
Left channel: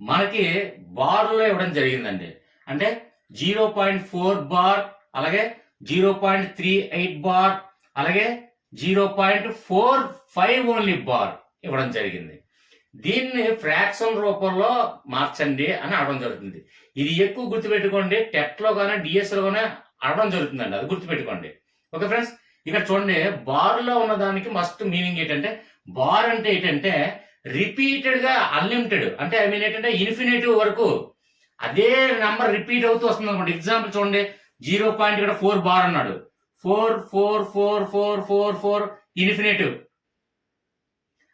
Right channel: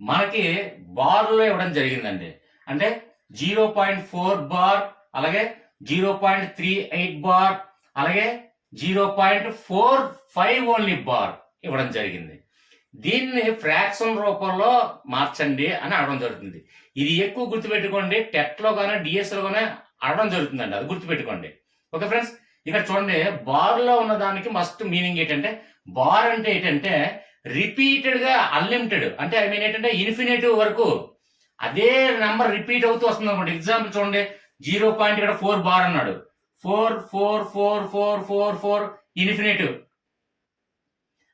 మనకి బార్ లో ఇవ్వడం జరిగిందండి. అంటే 0.4 బార్, అలాగే 0.38 బార్, అలాగే 0.45 ఓన్లీ బార్ ఇవ్వడం జరిగింది. దీన్ని ఫ్రాక్షన్ రూపంలో మార్చండి అని అడగడం జరుగుతుంది. ఇది ఎక్కువ గుర్తుపెట్టుకోండి, టెట్ లో కానీ డిఎస్ లో కానీ అడగడం జరుగుతుందండి, అది గుర్తుపెట్టుకోండి. ఓకే ఫ్రెండ్స్, ఇక్కడ చూడండి, బార్లో ఉన్న దానికి మస్ట్ మీనింగ్ ఏంటంటే, బార్ అంటే ఏంటంటే రిపీటెడ్ గా అన్లిమిటెడ్, అంటే ఐ మీన్ ఏంటంటే ఇన్ఫినిటివ్ వరకు అదే నెంబర్ రిపీట్ అవుతూ వస్తుంది అనుకోండి. ఎగ్జాంపుల్ చూడండి, 0. ఇక్కడ 4 బార్ అన్నాడు, 4 ఇన్ఫినిటివ్,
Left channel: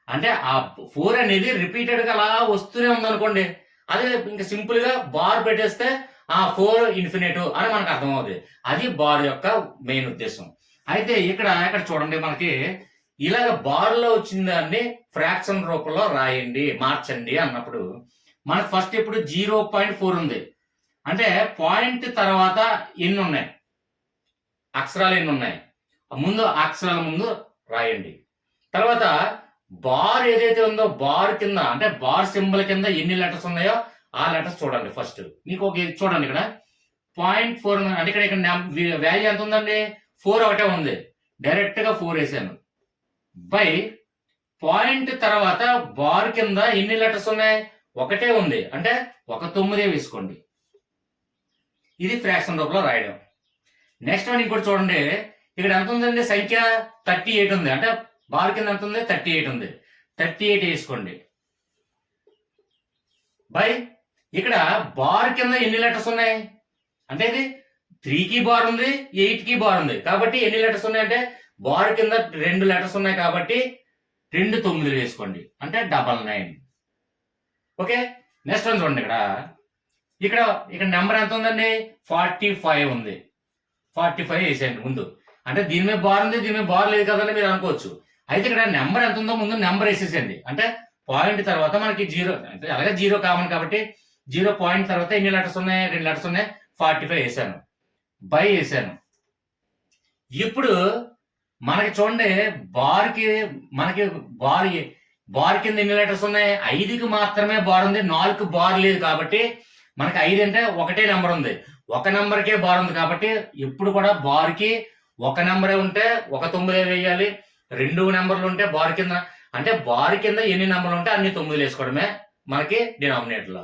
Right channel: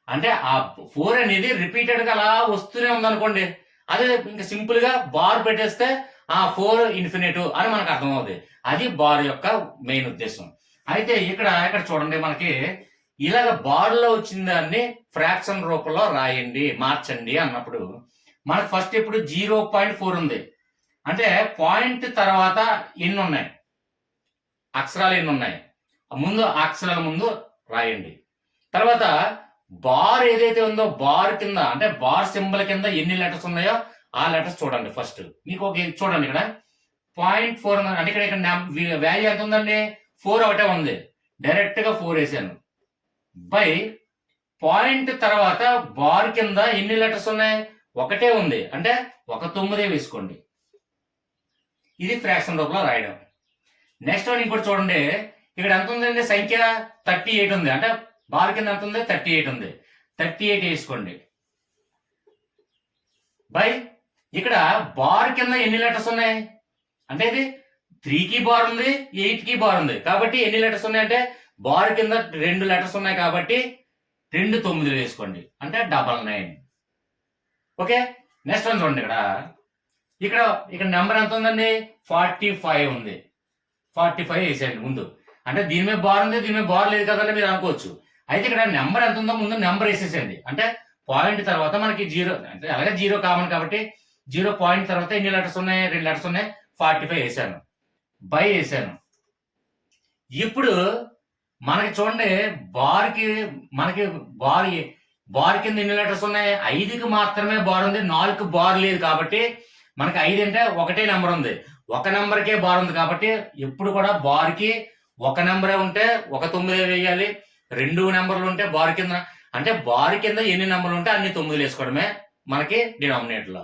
అంటే ఆ 4 అనేది రిపీటెడ్ గా అలా వస్తూనే ఉంది అనుకోండి. అదే ఇంకా సింపుల్ గా బార్ పెట్టేస్తే ఆ 4 ఇన్ఫినిటివ్ అని మనకు అర్థమవుతుంది. అది బార్ యొక్క మెయిన్ ఉద్దేశం. అయితే ఇక్కడ చూడండి, మనకి ఇలాగ బార్ లో వచ్చిన దాన్ని ఫ్రాక్షన్ రూపంలో రాయండి, మార్చండి అన్నప్పుడు మనకు ఫస్ట్ ఇప్పుడు 0.4 ఉంది. అంటే పాయింట్ తర్వాత ఎన్ని ఉన్నాయి, అక్షరాలు ఎన్ని ఉన్నాయి, ముందు అక్షరాల ముందు రాయండి. తర్వాత బార్ ఏదైతే ఉందో బార్ కింద, అంటే బార్ సింబల్ కింద ఎన్ని లెటర్స్ ఉన్నాయో ఆ లెటర్స్ చూడండి. ఫస్ట్ మీకు ఒక చూడండి, ఇక్కడ 0.4 అంటే ఇక్కడ వాల్యూ ఎంత ఉందండి, 4 ఒకటే ఉంది, డైరెక్ట్ గా 4 వేసాను. బై పాయింట్ తర్వాత బార్ కింద ఎన్ని లెటర్స్ ఉన్నాయి, ఒకటే ఉంది, అంటే 9 వేసుకోండి. ఇది ఫ్రాక్షన్ రూపంలో రాయడం. నెక్స్ట్ వన్ ఇంకోటి చూడండి, ఇక్కడ ఎంత ఉందండి సంఖ్య 38 ఉంది, అంటే బార్ కింద ఎంత ఉంది 38 ఉంది, 38 వేసుకోండి. బై ఇక్కడ బార్ కింద ఎన్ని లెటర్స్ ఉన్నాయి, అంటే ఇది 3కి బార్ ఉంది, 8కి బార్ ఉంది, కాబట్టి ఎన్ని లెటర్స్ ఉన్నాయి అంటే బార్ కింద 2 లెటర్స్ ఉన్నాయి కాబట్టి 2 9 వేసుకోండి, అంటే 99. ఓకే, నెక్స్ట్ వన్ చూడండి, ఇక్కడ నెంబర్ ఎంత ఉందండి 45 ఉంది, 45 వేసేయండి ముందు. అంటే దీని మీద బార్ ఉంది, దీని మీద బార్ లేదు కదండి మీరు అనుకోవచ్చు. అయితే ఇక్కడ నెంబర్ ఎంత ఉందో ముందు నెంబర్ వేసేసండి, అంటే పాయింట్ తర్వాత మనకి 0, అంటే అలాగే 0 కామన్ కాబట్టి 0 పాయింట్ తర్వాత ఎన్ని లెటర్స్ ఉన్నాయి, 2 లెటర్స్ ఉన్నాయి, 45 వేసాను, బై వేసాను. ఇప్పుడు మనకి చూడండి, మనకి బార్ కింద ఎన్ని లెటర్స్ ఉన్నాయి, 5కి మాత్రమే బార్ ఉంది, 4కి బార్ లేదు కాబట్టి మనకి 5 అంటే ఒకటే నెంబర్ ఉంది, ఒక నెంబర్కే బార్ ఉంది కాబట్టి ఎప్పుడు కూడా బార్కి ఒక నెంబరే ఉంటే 9 వేయాలి, 2 నెంబర్లు ఉంటే బార్ కింద, అంటే బార్ కింద ఎన్ని నెంబర్లు ఉంటే అన్ని 9 వేసుకోవడమే మనకి డినామినేటర్ లో.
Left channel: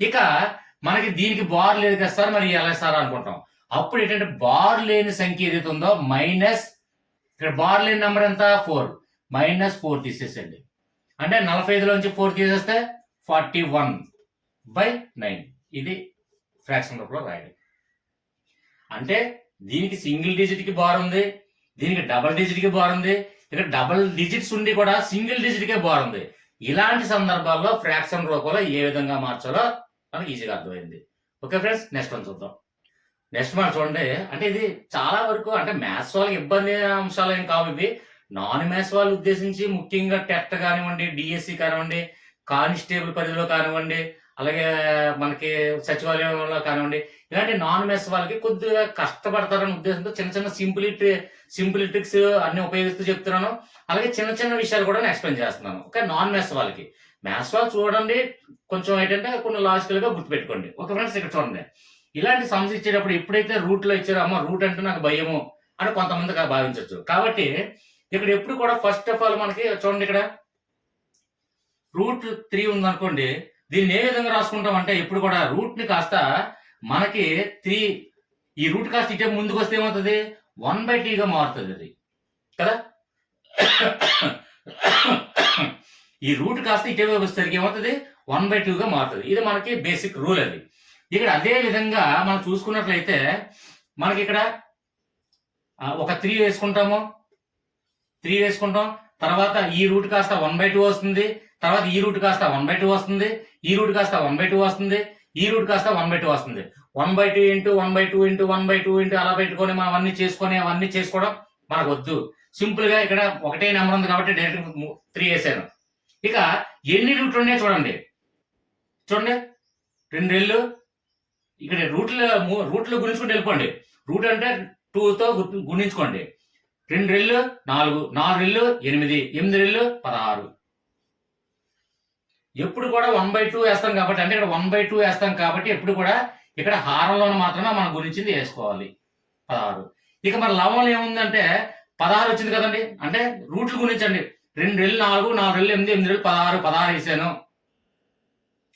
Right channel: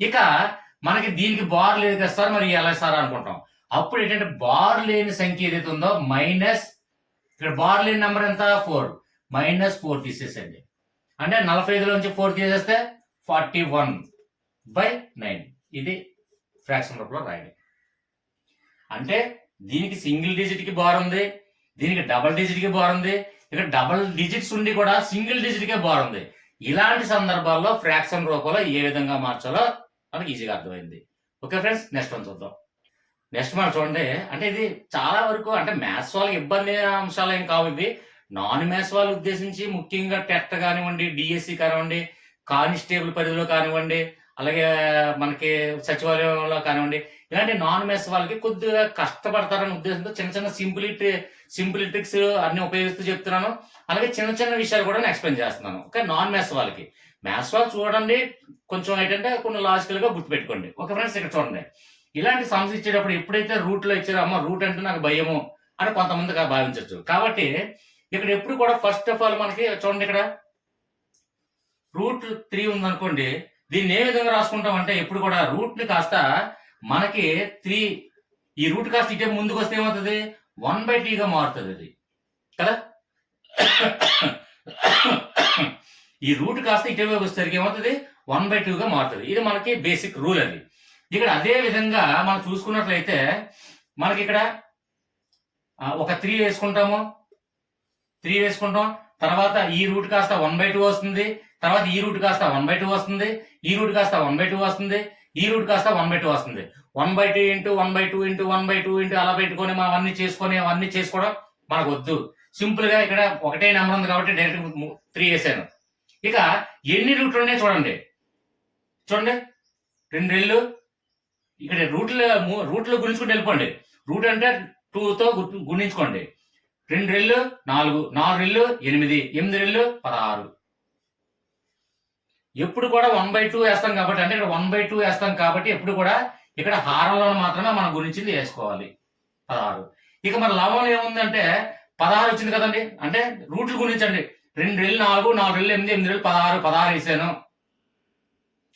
ఇక మనకి దీనికి బార్ లేదు కదా సార్, మరి ఎలా సార్ అనుకుంటాం. అప్పుడు ఏంటంటే బార్ లేని సంఖ్య ఏదైతే ఉందో మైనస్, ఇక్కడ బార్ లేని నెంబర్ ఎంత 4, -4 తీసేసండి, అంటే 45లోంచి 4 తీసేస్తే 41/9. ఇది ఫ్రాక్షన్ రూపంలో రాయడం. అంటే దీనికి సింగిల్ డిజిట్ కి బార్ ఉంది, దీనికి డబుల్ డిజిట్ కి బార్ ఉంది, ఇక్కడ డబుల్ డిజిట్స్ ఉండి కూడా సింగిల్ డిజిట్ కే బార్ ఉంది. ఇలాంటి సందర్భాల్లో ఫ్రాక్షన్ రూపంలో ఏ విధంగా మార్చాలో మనకి ఈజీగా అర్థమైంది. ఓకే ఫ్రెండ్స్, నెక్స్ట్ వన్ చూద్దాం. నెక్స్ట్ మనం చూడండి, అంటే ఇది చాలా వరకు అంటే మ్యాథ్స్ వాళ్ళకి ఇబ్బంది అంశాలు ఏం కావు, ఇవి నాన్ మ్యాథ్స్ వాళ్ళు ఉద్దేశించి ముఖ్యంగా టెట్ కానివ్వండి, డిఎస్సి కానివ్వండి, కానిస్టేబుల్ పరిధిలో కానివ్వండి, అలాగే మనకి సచివాలయంలో కానివ్వండి, ఇలాంటి నాన్ మ్యాథ్స్ వాళ్ళకి కొద్దిగా కష్టపడతారనే ఉద్దేశంతో చిన్న చిన్న సింపుల్ ట్రిక్స్ అన్ని ఉపయోగిస్తూ చెప్తున్నాను. అలాగే చిన్న చిన్న విషయాలు కూడా ఎక్స్ప్లెయిన్ చేస్తున్నాను. ఓకే, నాన్ మ్యాథ్స్ వాళ్ళకి. మ్యాథ్స్ వాళ్ళు చూడండి, కొంచెం ఏంటంటే కొన్ని లాజికల్ గా గుర్తుపెట్టుకోండి. ఓకే ఫ్రెండ్స్, ఇక్కడ చూడండి, ఇలాంటి సమస్య ఇచ్చేటప్పుడు ఎప్పుడైతే రూట్ లో ఇచ్చారో, అమ్మ రూట్ అంటే నాకు భయము అని కొంతమంది భావించవచ్చు. కాబట్టి ఇక్కడ ఎప్పుడు కూడా ఫస్ట్ ఆఫ్ ఆల్ మనకి చూడండి, ఇక్కడ √3 ఉందనుకోండి, దీన్ని ఏ విధంగా రాసుకుంటాం అంటే ఎప్పుడు కూడా రూట్ ని కాస్త మనకి 3, ఈ రూట్ కాస్త ఇటే ముందుకు వస్తే ఏమవుతుంది 1/t మారుతుంది అది కదా. ఈ రూట్ కాస్త ఇటే వచ్చేసరికి ఏమవుతుంది 1/2 మారుతుంది. ఇది మనకి బేసిక్ రూల్ అది. ఇక్కడ అదే విధంగా మనం చూసుకున్నట్లయితే మనకి ఇక్కడ ఒక 3 వేసుకుంటాము, 3 వేసుకుంటాం, తర్వాత ఈ రూట్ కాస్త 1/2 వస్తుంది, తర్వాత ఈ రూట్ కాస్త 1/2 వస్తుంది, ఈ రూట్ కాస్త 1/2 వస్తుంది, ఈ రూట్ కాస్త 1/2 వస్తుంది. 1/2 ఇంటూ 1/2 ఇంటూ 1/2 ఇంటూ అలా పెట్టుకొని మనం అవన్నీ చేసుకోవడం మనకు వద్దు. సింపుల్ గా ఇక్కడ ఒకటే నెంబర్ ఉంది కాబట్టి డైరెక్ట్ 3 వేసాను. ఇక ఎన్ని రూట్లు ఉన్నాయో చూడండి, 2 రెళ్ళు, ఇక్కడ రూట్లు గుణించుకుంటూ వెళ్ళిపోండి. రూట్ అంటే 2తో గుణించుకోండి. 2 రెళ్ళు 4, 4 రెళ్ళు 8, 8 రెళ్ళు 16. ఎప్పుడు కూడా 1/2 వేస్తాం కాబట్టి, అంటే ఇక్కడ 1/2 వేస్తాం కాబట్టి ఎప్పుడు కూడా ఇక్కడ హారంలో మాత్రమే మనం గుణించింది వేసుకోవాలి 16. ఇక మన లవంలో ఏముందంటే 16 వచ్చింది కదండి, అంటే రూట్లు గుణించండి. 2 రెళ్ళు 4, 4 రెళ్ళు 8, 8 రెళ్ళు 16, 16 వేసాను.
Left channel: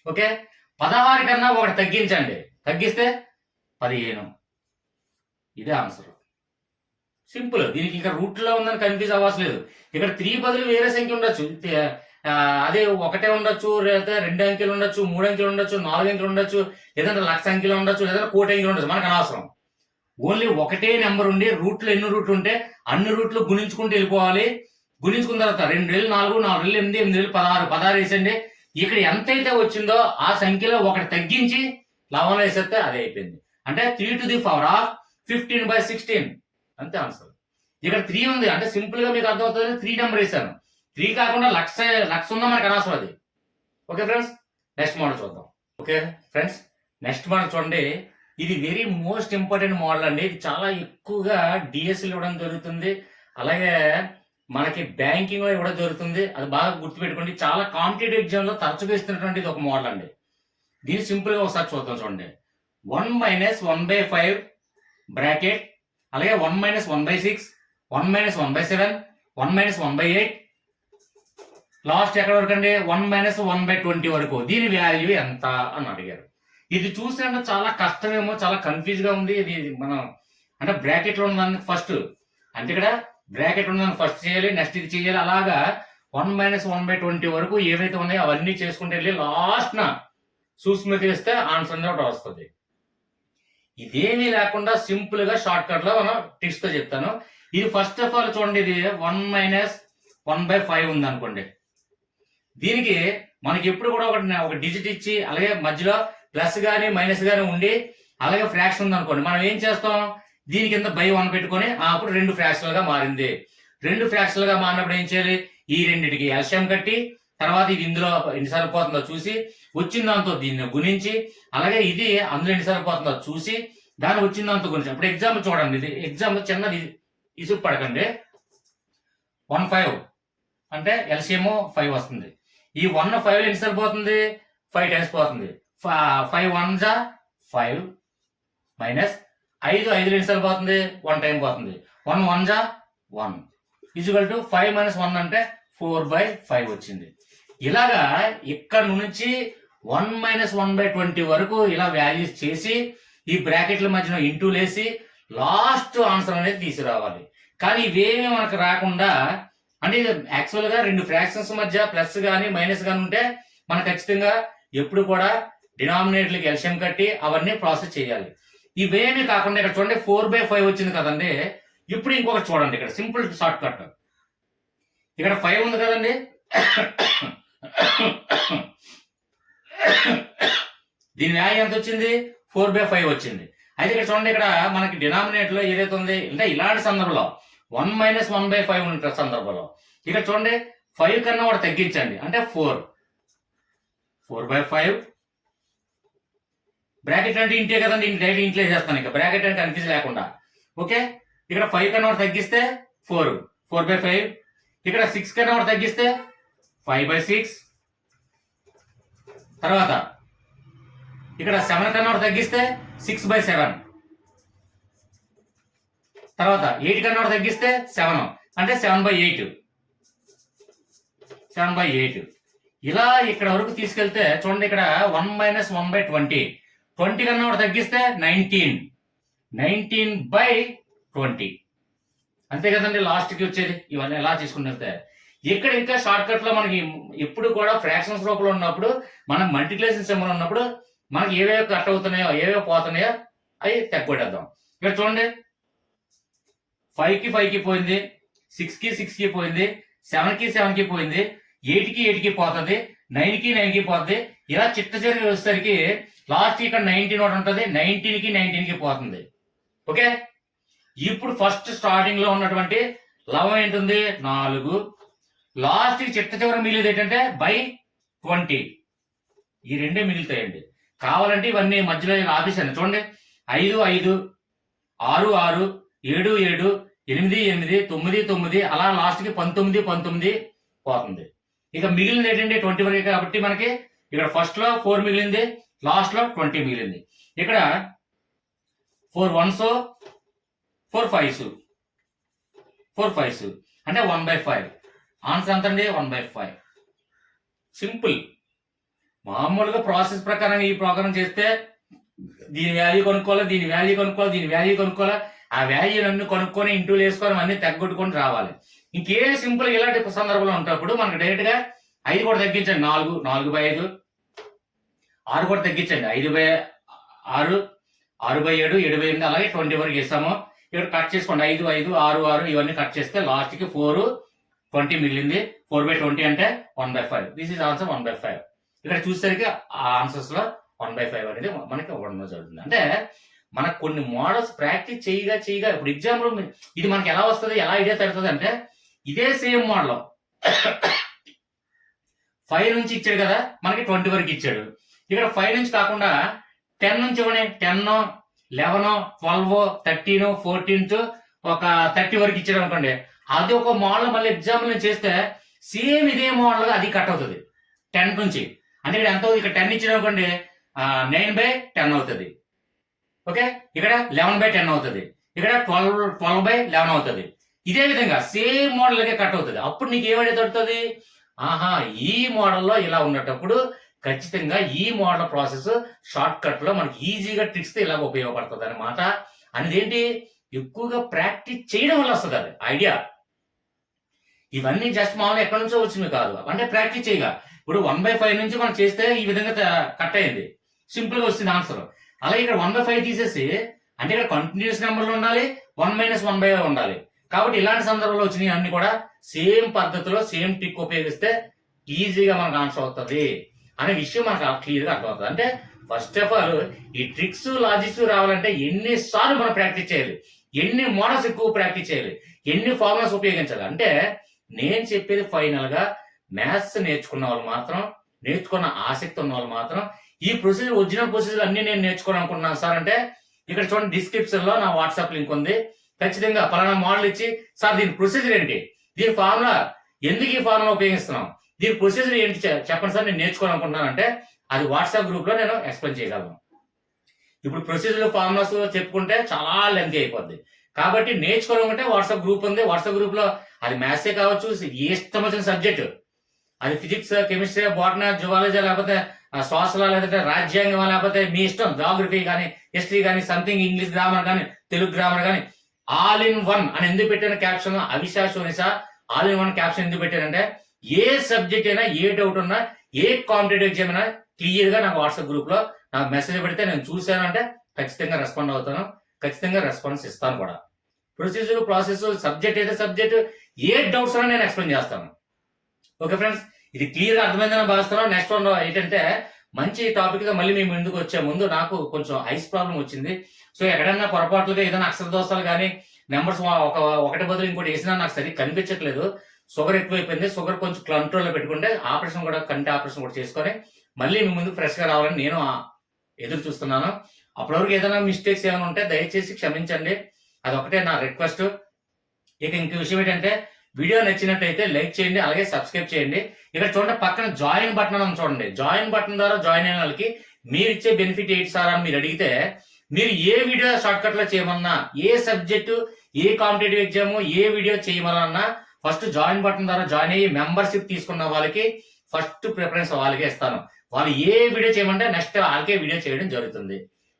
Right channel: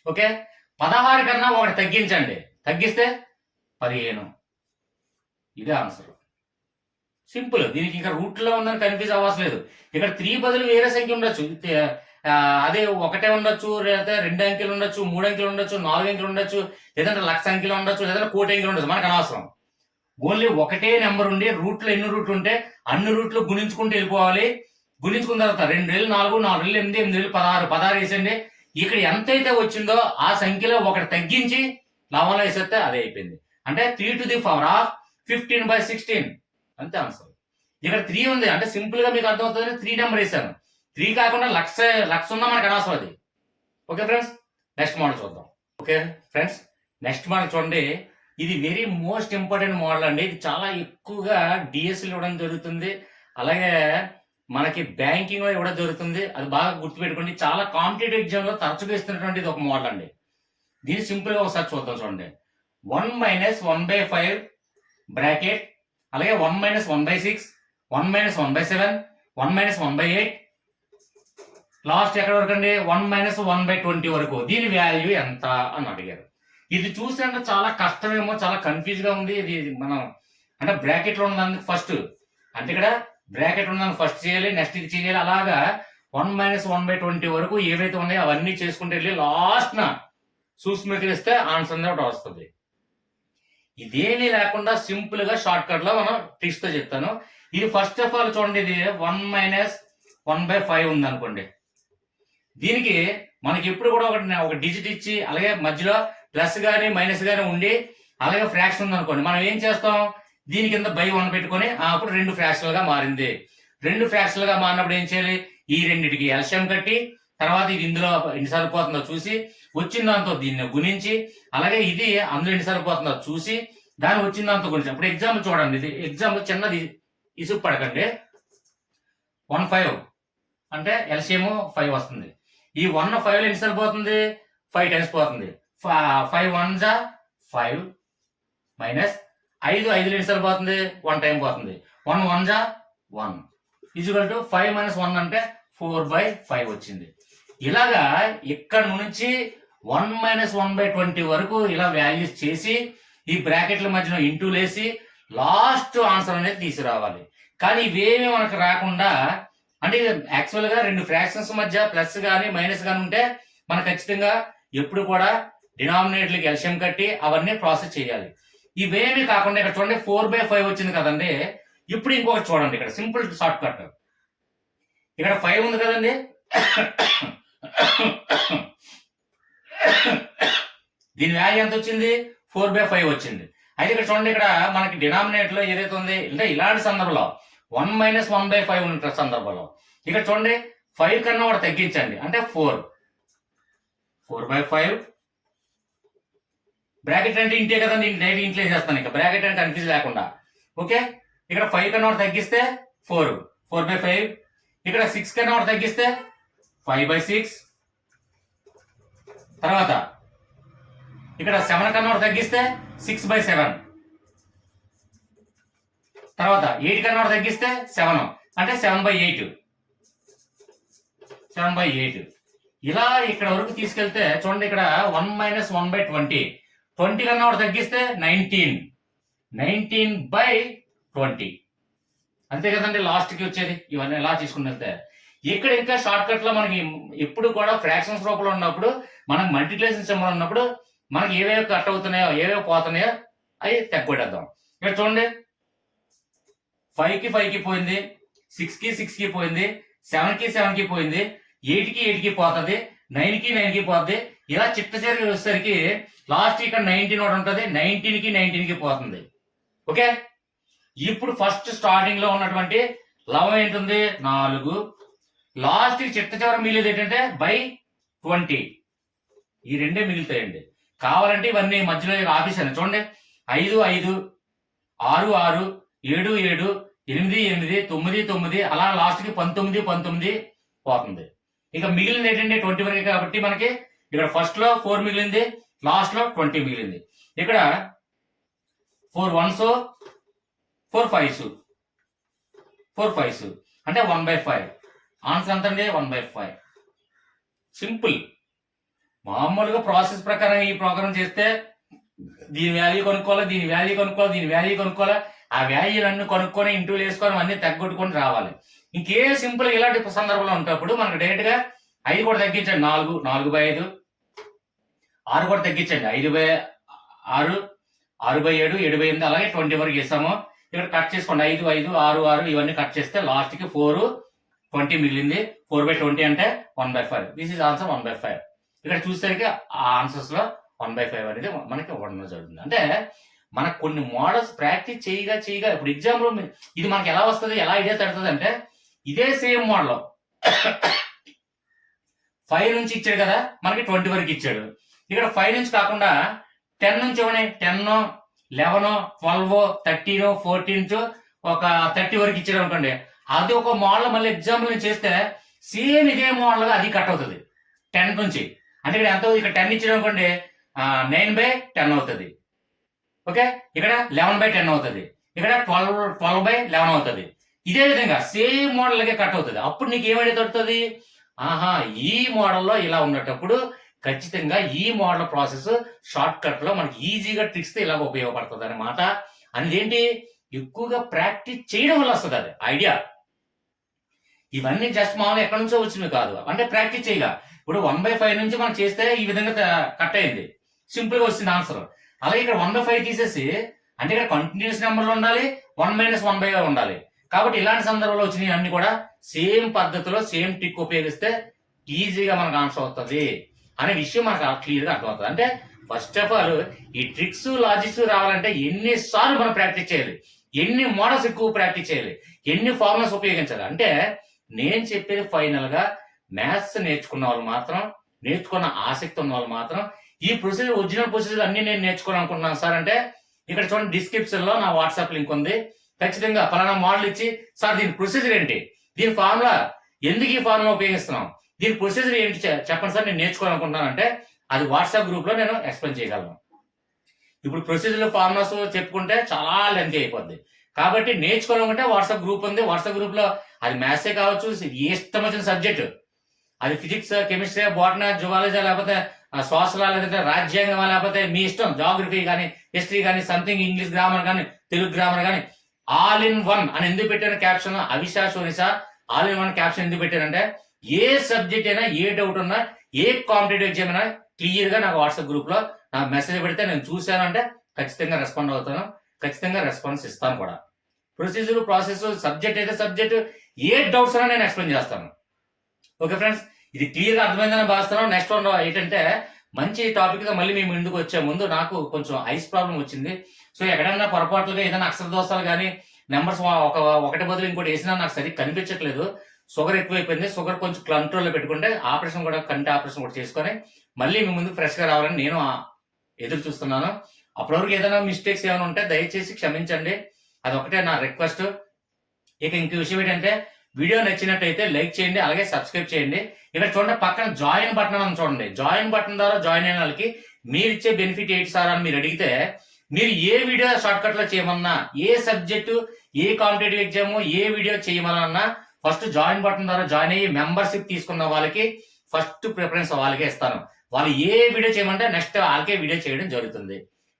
ఓకే, 16 కన్నా ఒకటి తగ్గించండి, తగ్గిస్తే 15. ఇదే ఆన్సర్. సింపుల్. దీనికి ఇంకా రూట్లో ఉందని కన్ఫ్యూజ్ అవ్వట్లేదు. ఇక్కడ 3 బదులు వేరే సంఖ్య ఉండొచ్చు. అదే ఒకటే ఉండొచ్చు, లేదా 2 అంకెలు ఉండొచ్చు, 3 అంకెలు ఉండొచ్చు, 4 అంకెలు ఉండొచ్చు, లేదంటే 1,00,000 అంకెలు ఉండొచ్చు, లేదంటే 1,00,00,000 అంకెలు ఉండొచ్చు. మనకు అనవసరం. ఓన్లీ ఒకటే నెంబర్ ఉండి రూట్లో ఎన్ని రూట్లు ఉంటే అన్ని రూట్లు గుణించుకుంటూ వెళ్ళిపోవాలి. గుణించుకున్న తర్వాత 2 రెళ్ళు 4, 4 రెళ్ళు 8, 8 రెళ్ళు 16, 16 వేసండి. ఇక్కడ ఎంతైతే వచ్చిందో ఆ సంఖ్యలో ఒకటి తగ్గించి లవంలో వేసేస్తే అదే అయిపోయింది. అంటే 3^15 అంతే ఆన్సర్. ఇక్కడ 3 ఉంది అంటే సింపుల్ గా మీకు అర్థమవుతుంది. 3 నెంబర్ వేసాను. 3 కాకుండా లక్ష ఉందా మనకు అనవసరం అది. ఓకే ఫ్రెండ్స్, నెక్స్ట్ మోడల్ చూద్దాం. ఓకే ఫ్రెండ్స్, నెక్స్ట్ మోడల్ చూడండి. ఇది వెరీ మోస్ట్ ఇంపార్టెంట్ మోడల్ అండి. ఇది చాలా ఎక్కువగా డిఎస్ఎల్ ఇవ్వడం జరుగుతుంది, అలాగే మనకి బ్యాంకింగ్ లో ఇవ్వడం జరుగుతుంది. అది బాగా గుర్తుపెట్టుకోండి. చాలా కాంపిటేటివ్ ఎగ్జామ్ లో తరచుగా ఇస్తున్నటువంటి ఇది ఒక మోడల్ అండి. దీన్ని సింపుల్ గా ఒకసారి చూద్దాం చూడండి. 1 - 1/5 బ్రాకెట్, అలాగే 1 - 1/6, 1 - 1/7, 1 - 1/8, లాస్ట్ ఎక్కడ వరకు అండి 1 - 1/20 వరకు. దీని వాల్యూ ఎంత అని అడిగారు. ఇది చూస్తే చాలా కష్టమేమో, చాలా కన్ఫ్యూజ్ గా ఉంది. ఇది మనం అంటే బ్రాకెట్ లో ఉన్నదాన్ని ఫస్ట్, అంటే ఇక్కడ బ్రాకెట్ ఉన్నదాన్ని ఫస్ట్ చేయాలి, నెక్స్ట్ ఇది చేయాలి. అలాగా 1 - 1/20 వరకు ఏవైతే ఉన్నాయో అవన్నీ చేసుకుంటూ వెళ్ళి లాస్ట్ నా సూక్ష్మతి వేస్తే ఆన్సర్ అనేది ఒకటి వస్తుంది. ఇదేమీ లేకుండా సింపుల్ గా షార్ట్ కట్ లో మనం ట్రిక్స్ తో చెప్తాను. ఇది ఫస్ట్ ఆఫ్ ఆల్ చూడండి. ఇది 1 - 1/5 ఉంది అనుకోండి. దీనికి మనకి ఎప్పుడు కూడా ఒక డిజిట్ ఇచ్చి, అలాగే మధ్యలో ప్లస్ గానీ మైనస్ గానీ ఉండి, అలాగే ఫ్రాక్షన్ ఉంది అనుకోండి. మనం ఏం చేస్తాం, దీని కింద బై 1 పెట్టుకొని అప్పుడు 2 ఫ్రాక్షన్ గా మారింది. 2 ఫ్రాక్షన్ గా మారినప్పుడు ఏం చేయాలి, ఈ రెండింటికి ఎల్సిఎం కట్టి, తర్వాత ఇది ఇందులో ఎన్నిసార్లు పోతుందో చూసి, వచ్చిన దాంతో దీన్ని గుణించి, అలాగే ఇది అందులో ఎన్నిసార్లు పోతుందో చూసి, దాని వచ్చిన దాంతో గురించి. ఇప్పుడు ఎగ్జాంపుల్ చూడండి. ఇది ఎగ్జాంపుల్ చిన్నది ఇసుకు పడకండి. 1/5 అంటే ఎల్సిఎం 5 వస్తుంది. ఈ 1 5 ఎన్నిసార్లు పోతుంది, 5 టైమ్స్ పోతుంది. 5 1 జా 5 మైనస్ 5 5 ఎన్నిసార్లు పోతుంది, 1 టైం పోతుంది. 1 1 జా 1 ఈజ్వల్ టు 5 - 1 అంటే 4/5 వచ్చింది. ఇలాగా ఇక్కడ నుంచి 1 - 1/20 వరకు ఇలా వాల్యూస్ చేసి, ఈ బ్రాకెట్ల మధ్యన ఇంటూ లేసి లాస్ట్ ఆన్సర్ అనేది తీసుకురావాలి. కానీ ఇవేమీ మనకు రాకుండా, అంటే యాక్చువల్ గా 2 ఫ్రాక్షన్స్ మధ్య ప్లస్ గానీ మైనస్ గానీ ఉంటే మనం ఖచ్చితంగా ఎప్పుడు కూడా డినామినేటర్కి ఎల్సిఎం కట్టి అవన్నీ ప్రాసెస్ చేయాలి. ఇవేమీ కాకుండా ఇక్కడ చూడండి 4/5 వచ్చింది కదండి. ఇప్పుడు ఇంకొకటి చూడండి. ఇక్కడ సింపుల్ షార్ట్ కట్. ఇక్కడ 5 ఉంది కదండి. దీని వాల్యూ ఎంత వచ్చింది, 4/5 వచ్చింది. అయితే ఇక్కడ చూడండి, ఇక్కడ మనకి డినామినేటర్ లో ఏదైతే ఉంది, అంటే ఇలాంటి సందర్భంలో 1 - 1/5 ఉన్న సందర్భంలో ఇక్కడ చూడండి 5 కన్నా ఒకటి తగ్గించండి, అంటే 4/5 బ్రాకెట్ అంటే ఇంటే కదండి. డైరెక్ట్ ఇంట్లో చేస్తాను, ఇంకా బ్రాకెట్ అంటే కన్ఫ్యూజ్ లేకుండా. ఓకే, ఇక్కడ 5 కన్నా ఒకటి తగ్గిస్తే 4/5. ఇక్కడ 6 కన్నా ఒకటి తగ్గిస్తే 5/6. తర్వాత ఇక్కడ 7 కన్నా ఒకటి తగ్గిస్తే 6/7. తర్వాత 8 కన్నా ఒకటి తగ్గిస్తే 7 అంటే 7/8. ఇలా ఇక్కడ వరకు తీసుకెళ్తే చూడండి, ఇక్కడ 1 - 1/20. 20 కన్నా ఒకటి తగ్గిస్తే 19/20. అంతే కదండి లాస్ట్ కి వచ్చేది. ఇవన్నీ ఎలా తీసుకుని వెళ్తే ఇక్కడ ఇంకా షార్ట్ కట్ లో మనకి ఎప్పుడు కూడా ఫ్రాక్షన్స్ రూపంలో ఉన్నప్పుడు, మనం మల్టిప్లికేషన్ సింబల్ ఉన్నప్పుడు మనకి ఏవేవి కట్ అవుతున్నాయో ఏవేవి పోతున్నాయో అవి తక్కువడేద్దాం. ఇక్కడ చూడండి 5కి 5కి పోయింది, 6కి 6కి పోయింది, 7కి 7కి పోయింది, 8కి 8కి పోతుంది, 9కి 9కి పోతుంది. ఇలా చిట్ట చివరికి వచ్చేసరికి లాస్ట్ ఇక్కడ 19 ఒకటి ఉంటుంది, 19కి 19కి పోతుంది. ఓకే, ఇప్పుడు ఫస్ట్ స్టార్టింగ్ లో ఉన్నటువంటి లవం ఏంటుంది 4. లాస్ట్ కి చిట్ట చివరి మిగిలిది ఏంటంటే /20. ఈ రెండే మిగులుతాయండి. కావాలంటే ఇవన్నీ మధ్యలో ఆపేసాను చూడండి. 5 5, 6 6, 7 7, 8 8, 9 9, అలా లాస్ట్ కి 19 19 పోతుంది. ఇక మిగిలింది ఏంటంటే 20 వరకే. కాబట్టి మనకి ఇక్కడ ఫస్ట్ లో 4 మిగిలింది, లాస్ట్ లో 20 మిగిలింది. ఇక్కడ 4 1s, 4 5s, 4 5s అంటే 1/5. ఆన్సర్ ఎంత అండి 1/5. సింపుల్. మామూలుగా ప్రాసెస్ ప్రకారం ఈ ప్రోగ్రామ్ చేస్తే దీని వాల్యూ కొనుక్కోవాలి, దీని వాల్యూ కొనుక్కోవాలి, దీని వాల్యూ కొనుక్కోవాలి. ఆ వాల్యూలన్నీ కొనుక్కొని ఇంటూ వేసుకొని అన్ని తగ్గొట్టుకొని రావాలి. ఇంకే సింపుల్ ఇలాంటి సందర్భంలో ఉంటప్పుడు మనకు డైరెక్ట్ గా 5 కూడా తగ్గించండి. 4 4/5, 6 కూడా తగ్గించండి. 5/6, 6/7, 7/8 అలాగే 20 వరకు ఇస్తాము. ఇక్కడ కట్ చేసుకోండి. 5 5, 6 6 ఇవన్నీ కట్ చేస్తే లాస్ట్ కి 4 20 మిగిలింది. 4/20 అంటే 1/5. This is answer 1/5. ఇక్కడ చూసేసరికి ఆ ఆన్సర్స్ లో 1/5 అనేది మనకి ఇవ్వడం జరుగుతుంది. అంటే మనకు కొన్ని మోడల్స్ ప్రాక్టీస్ చేయగా ఇప్పుడు ఎగ్జాంపుల్ ఇది మనకి ఎలా వస్తుంది, ఎలా ఐడియా తడుతుంది అంటే ఇదే సేమ్ మోడల్ 5 నుంచి ఇచ్చాడు కదా, మనకి 20 వరకు ఇచ్చాడు. ఇక్కడ 5 నుంచి కాకుండా 10 నుంచి ఇవ్వని 10, 11, 12, 13, 14 ఒక 30 వరకు ఇచ్చాడు అనుకోండి. అది ఒక మోడల్ మళ్ళీ ఎగ్జాంపుల్ నేను చేస్తే సేమ్ ఇదే మోడల్ అది కట్ అవుతుంది 10 నుంచి. అంటే ఇక్కడ ఎంత అవుతుంది, ఇక్కడ 10 ఇచ్చాడు అనుకోండి 9/10 అవుతుంది. ఓకే, ఇక్కడ 11/10 అవుతుంది, ఇక్కడ 12/11 అవుతుంది. ఇదే విధంగా సేమ్ మోడల్కే కట్ అవుతుంది. అప్పుడు నీకు ఏమైనా దొరుకుతుంది, ఆహా ఈ మోడల్లో ఇలా ఉన్నప్పుడు ఖచ్చితంగా ఈ మోడల్ ప్రాసెస్ షార్ట్ కట్ లో మనకి ఈజీగా ట్రిక్స్ తో ఇలా ఉపయోగపడుతుంది అనమాట. అనేది ఏంటి, ఎక్కువగా ప్రాక్టీస్ చేయడం వల్ల వస్తుంది అది ఐడియా. ఇవన్నీ జస్ట్ మామూలుగా ఎక్కడి నుంచో వచ్చినవి కాదు, అంటే ప్రాక్టీస్ చేయగా. ఇప్పుడు 1/5 నుంచి మనం చేస్తే ఈ విధంగా కట్ అయింది, సింపుల్ గా వచ్చింది ఆన్సర్. అలాగే ఇక్కడ 1/5 తీసేసి అంటే ఇక్కడ కంటిన్యూస్ నెంబర్లు ఉండాలి, 1 - 1/5 ఉండాలి. కాబట్టి ఇలాంటి సందర్భంలో వచ్చినవి అన్ని కూడా సేమ్ పద్ధతిలో సేమ్ ట్రిక్ ఉపయోగిస్తే ఈజీగా మనకు ఆన్సర్ అవుతుంది అనే విషయం మనకు క్లియర్ గా అర్థమవుతుంది. అంటే ఫస్ట్ ఆఫ్ ఆల్ ఈ ట్రిక్స్ లాజిక్స్ రావాలంటే ఎన్నిసార్లు మనం ప్రాక్టీస్ చేయాలి, ఎన్ని మోడల్స్ ఎక్కువ ప్రాక్టీస్ చేయాలి, ఎన్ని ఫార్ములాస్ ఉపయోగించాలి. అంటే నేను చెప్పేది ఫైనల్ గా మ్యాథ్స్ నేర్చుకున్న వాళ్ళు మాత్రం, నేర్చుకున్న ఆసక్తి ఉన్న వాళ్ళు మాత్రం ఈ ప్రొసీజర్ ఒరిజినల్ ప్రొసీజర్ అన్ని నేను నేర్చుకోవాలనుకుంటున్నాను సార్ అంటే ఇక్కడ చూడండి డిస్క్రిప్షన్ లో నా వాట్సాప్ లింక్ ఉంది. ఖచ్చితంగా పలానా మోడల్ ఇచ్చి సార్ దీని ప్రొసీజర్ ఏంటి, దీని ఫార్ములా ఎందుకు ఈ ఫార్ములా ఉపయోగిస్తున్నాం, దీని ప్రొసీజర్ ఏంటి చెప్పండి సార్ నేను నేర్చుకోవాలనుకుంటున్నాను అంటే అది వాట్సాప్ గ్రూప్ లో నేను ఎక్స్ప్లెయిన్ చేయగలను. ఇప్పుడు ప్రొసీజర్ ఫార్ములాస్ చెప్పుకుంటే చాలా లెంత్ అయిపోద్ది. కాబట్టి నేర్చుకోవాలనుకుంటే వాట్సాప్ గ్రూప్ ఉంది. వాట్సాప్ గ్రూప్ లో అది మ్యాథ్సే కావచ్చు, ఏ ఇష్టం వచ్చిన సబ్జెక్ట్, అది ఫిజిక్స్, కెమిస్ట్రీ, బాటనీ, జువాలజీ, లేకపోతే సోషల్, లేకపోతే రాజ్యాంగం, లేకపోతే మీ ఇష్టం జాగ్రఫీ కానీ, హిస్టరీ కానీ, సంథింగ్ ఇంగ్లీష్ గ్రామర్ కానీ, తెలుగు గ్రామర్ కానీ, ఆల్ ఇన్ వన్ అని ఎందుకు పెట్టాను క్యాప్షన్, అవిశా సోనిసా ఆల్ ఇన్ వన్ క్యాప్షన్ ఎందుకు పెట్టానంటే ఏ సబ్జెక్ట్ అయినా, ఏ డౌట్ ఉన్నా, ఏ కాంపిటేటివ్ ఎగ్జామ్ అయినా క్లియర్ గా నాకు వాట్సాప్ గ్రూప్ లో నాకు మెసేజ్ పెడితే నేను చూశాను అంటే ఖచ్చితంగా రెస్పాండ్ అవుతాను, ఖచ్చితంగా రెస్పాన్స్ ఇస్తాను కూడా. ప్రొసీజర్ ప్రాసెస్ సబ్జెక్ట్ అయితే సబ్జెక్ట్ ఏ డౌట్స్ అయినా నేను ఎక్స్ప్లెయిన్ చేస్తాను. ఓకే ఫ్రెండ్స్, ఇది క్లియర్ గా అర్థమైందని భావిస్తున్నాను. నెక్స్ట్ వన్ ఏంటంటే మంచి టాపిక్ గా మళ్ళీ మేము ముందుకు వచ్చే ముందు నాకు కొంచెం ఐస్ ప్రాబ్లం వచ్చింది. సో ఎక్కడన్నా పొరపాట్లుగా ఏదైనా అక్షర దోషాలు కానీ నెంబర్స్ ఒకటి బదులు ఇంకోటి వేసినా నాకు సరిగ్గా కనిపించట్లేదు. షుగర్ ఎక్కువైపోయింది. షుగర్ కొంచెం కంట్రోల్లో పెట్టుకుంటే ఆపరేషన్ కూడా, కంటి ఆపరేషన్ కూడా చేసుకొని మళ్ళీ మీ ముందు ఫ్రెష్ గా రావాలని నేను ఎదురు చూస్తున్నాను. అప్పటివరకు ఏదైనా మిస్టేక్స్ ఏమైనా ఉంటే దయచేసి క్షమించండి, అదొకటే నా రిక్వెస్ట్. ఇక ఇంక విషయం ఏంటంటే వీడియో నచ్చినట్టయితే లైక్ చేయండి, అలాగే సబ్స్క్రైబ్ చేయండి. ఇక్కడ చూడండి పక్కన జాయిన్ బటన్ అని చూడండి. జాయిన్ బటన్ ద్వారా జాయిన్ అయిన వాళ్ళకి మీరు ఇచ్చే బెనిఫిట్ ఏంటి సార్ అని మీరు అడిగితే, మీరు ఏ వీడియో షార్ట్ కట్ లో చేయమన్నా, ఏ సబ్జెక్టు, ఏ కాంపిటేటివ్ ఎగ్జామ్, ఏ వీడియో చేయమన్నా ఫస్ట్ జాయిన్ బటన్ ద్వారా జాయిన్ అయ్యి మెంబర్షిప్ తీసుకున్న వాళ్ళకి ఫస్ట్ ప్రిఫరెన్స్ వాళ్ళకే ఇస్తాను. వాళ్ళు ఏ వీడియో చేయమంటే నెక్స్ట్ వాళ్ళకే వీడియో చేయడం జరుగుతుంది.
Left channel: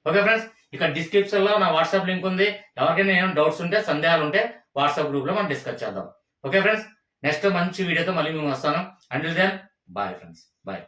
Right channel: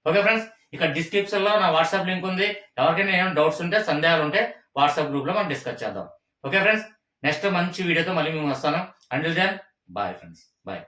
ఓకే ఫ్రెండ్స్, ఇక్కడ డిస్క్రిప్షన్ లో నా వాట్సాప్ లింక్ ఉంది. ఎవరికైనా ఏమైనా డౌట్స్ ఉంటే, సందేహాలు ఉంటే వాట్సాప్ గ్రూప్ లో మనం డిస్కస్ చేద్దాం. ఓకే ఫ్రెండ్స్, నెక్స్ట్ మంచి వీడియోతో మళ్ళీ మేము వస్తాను. Until then bye friends, bye.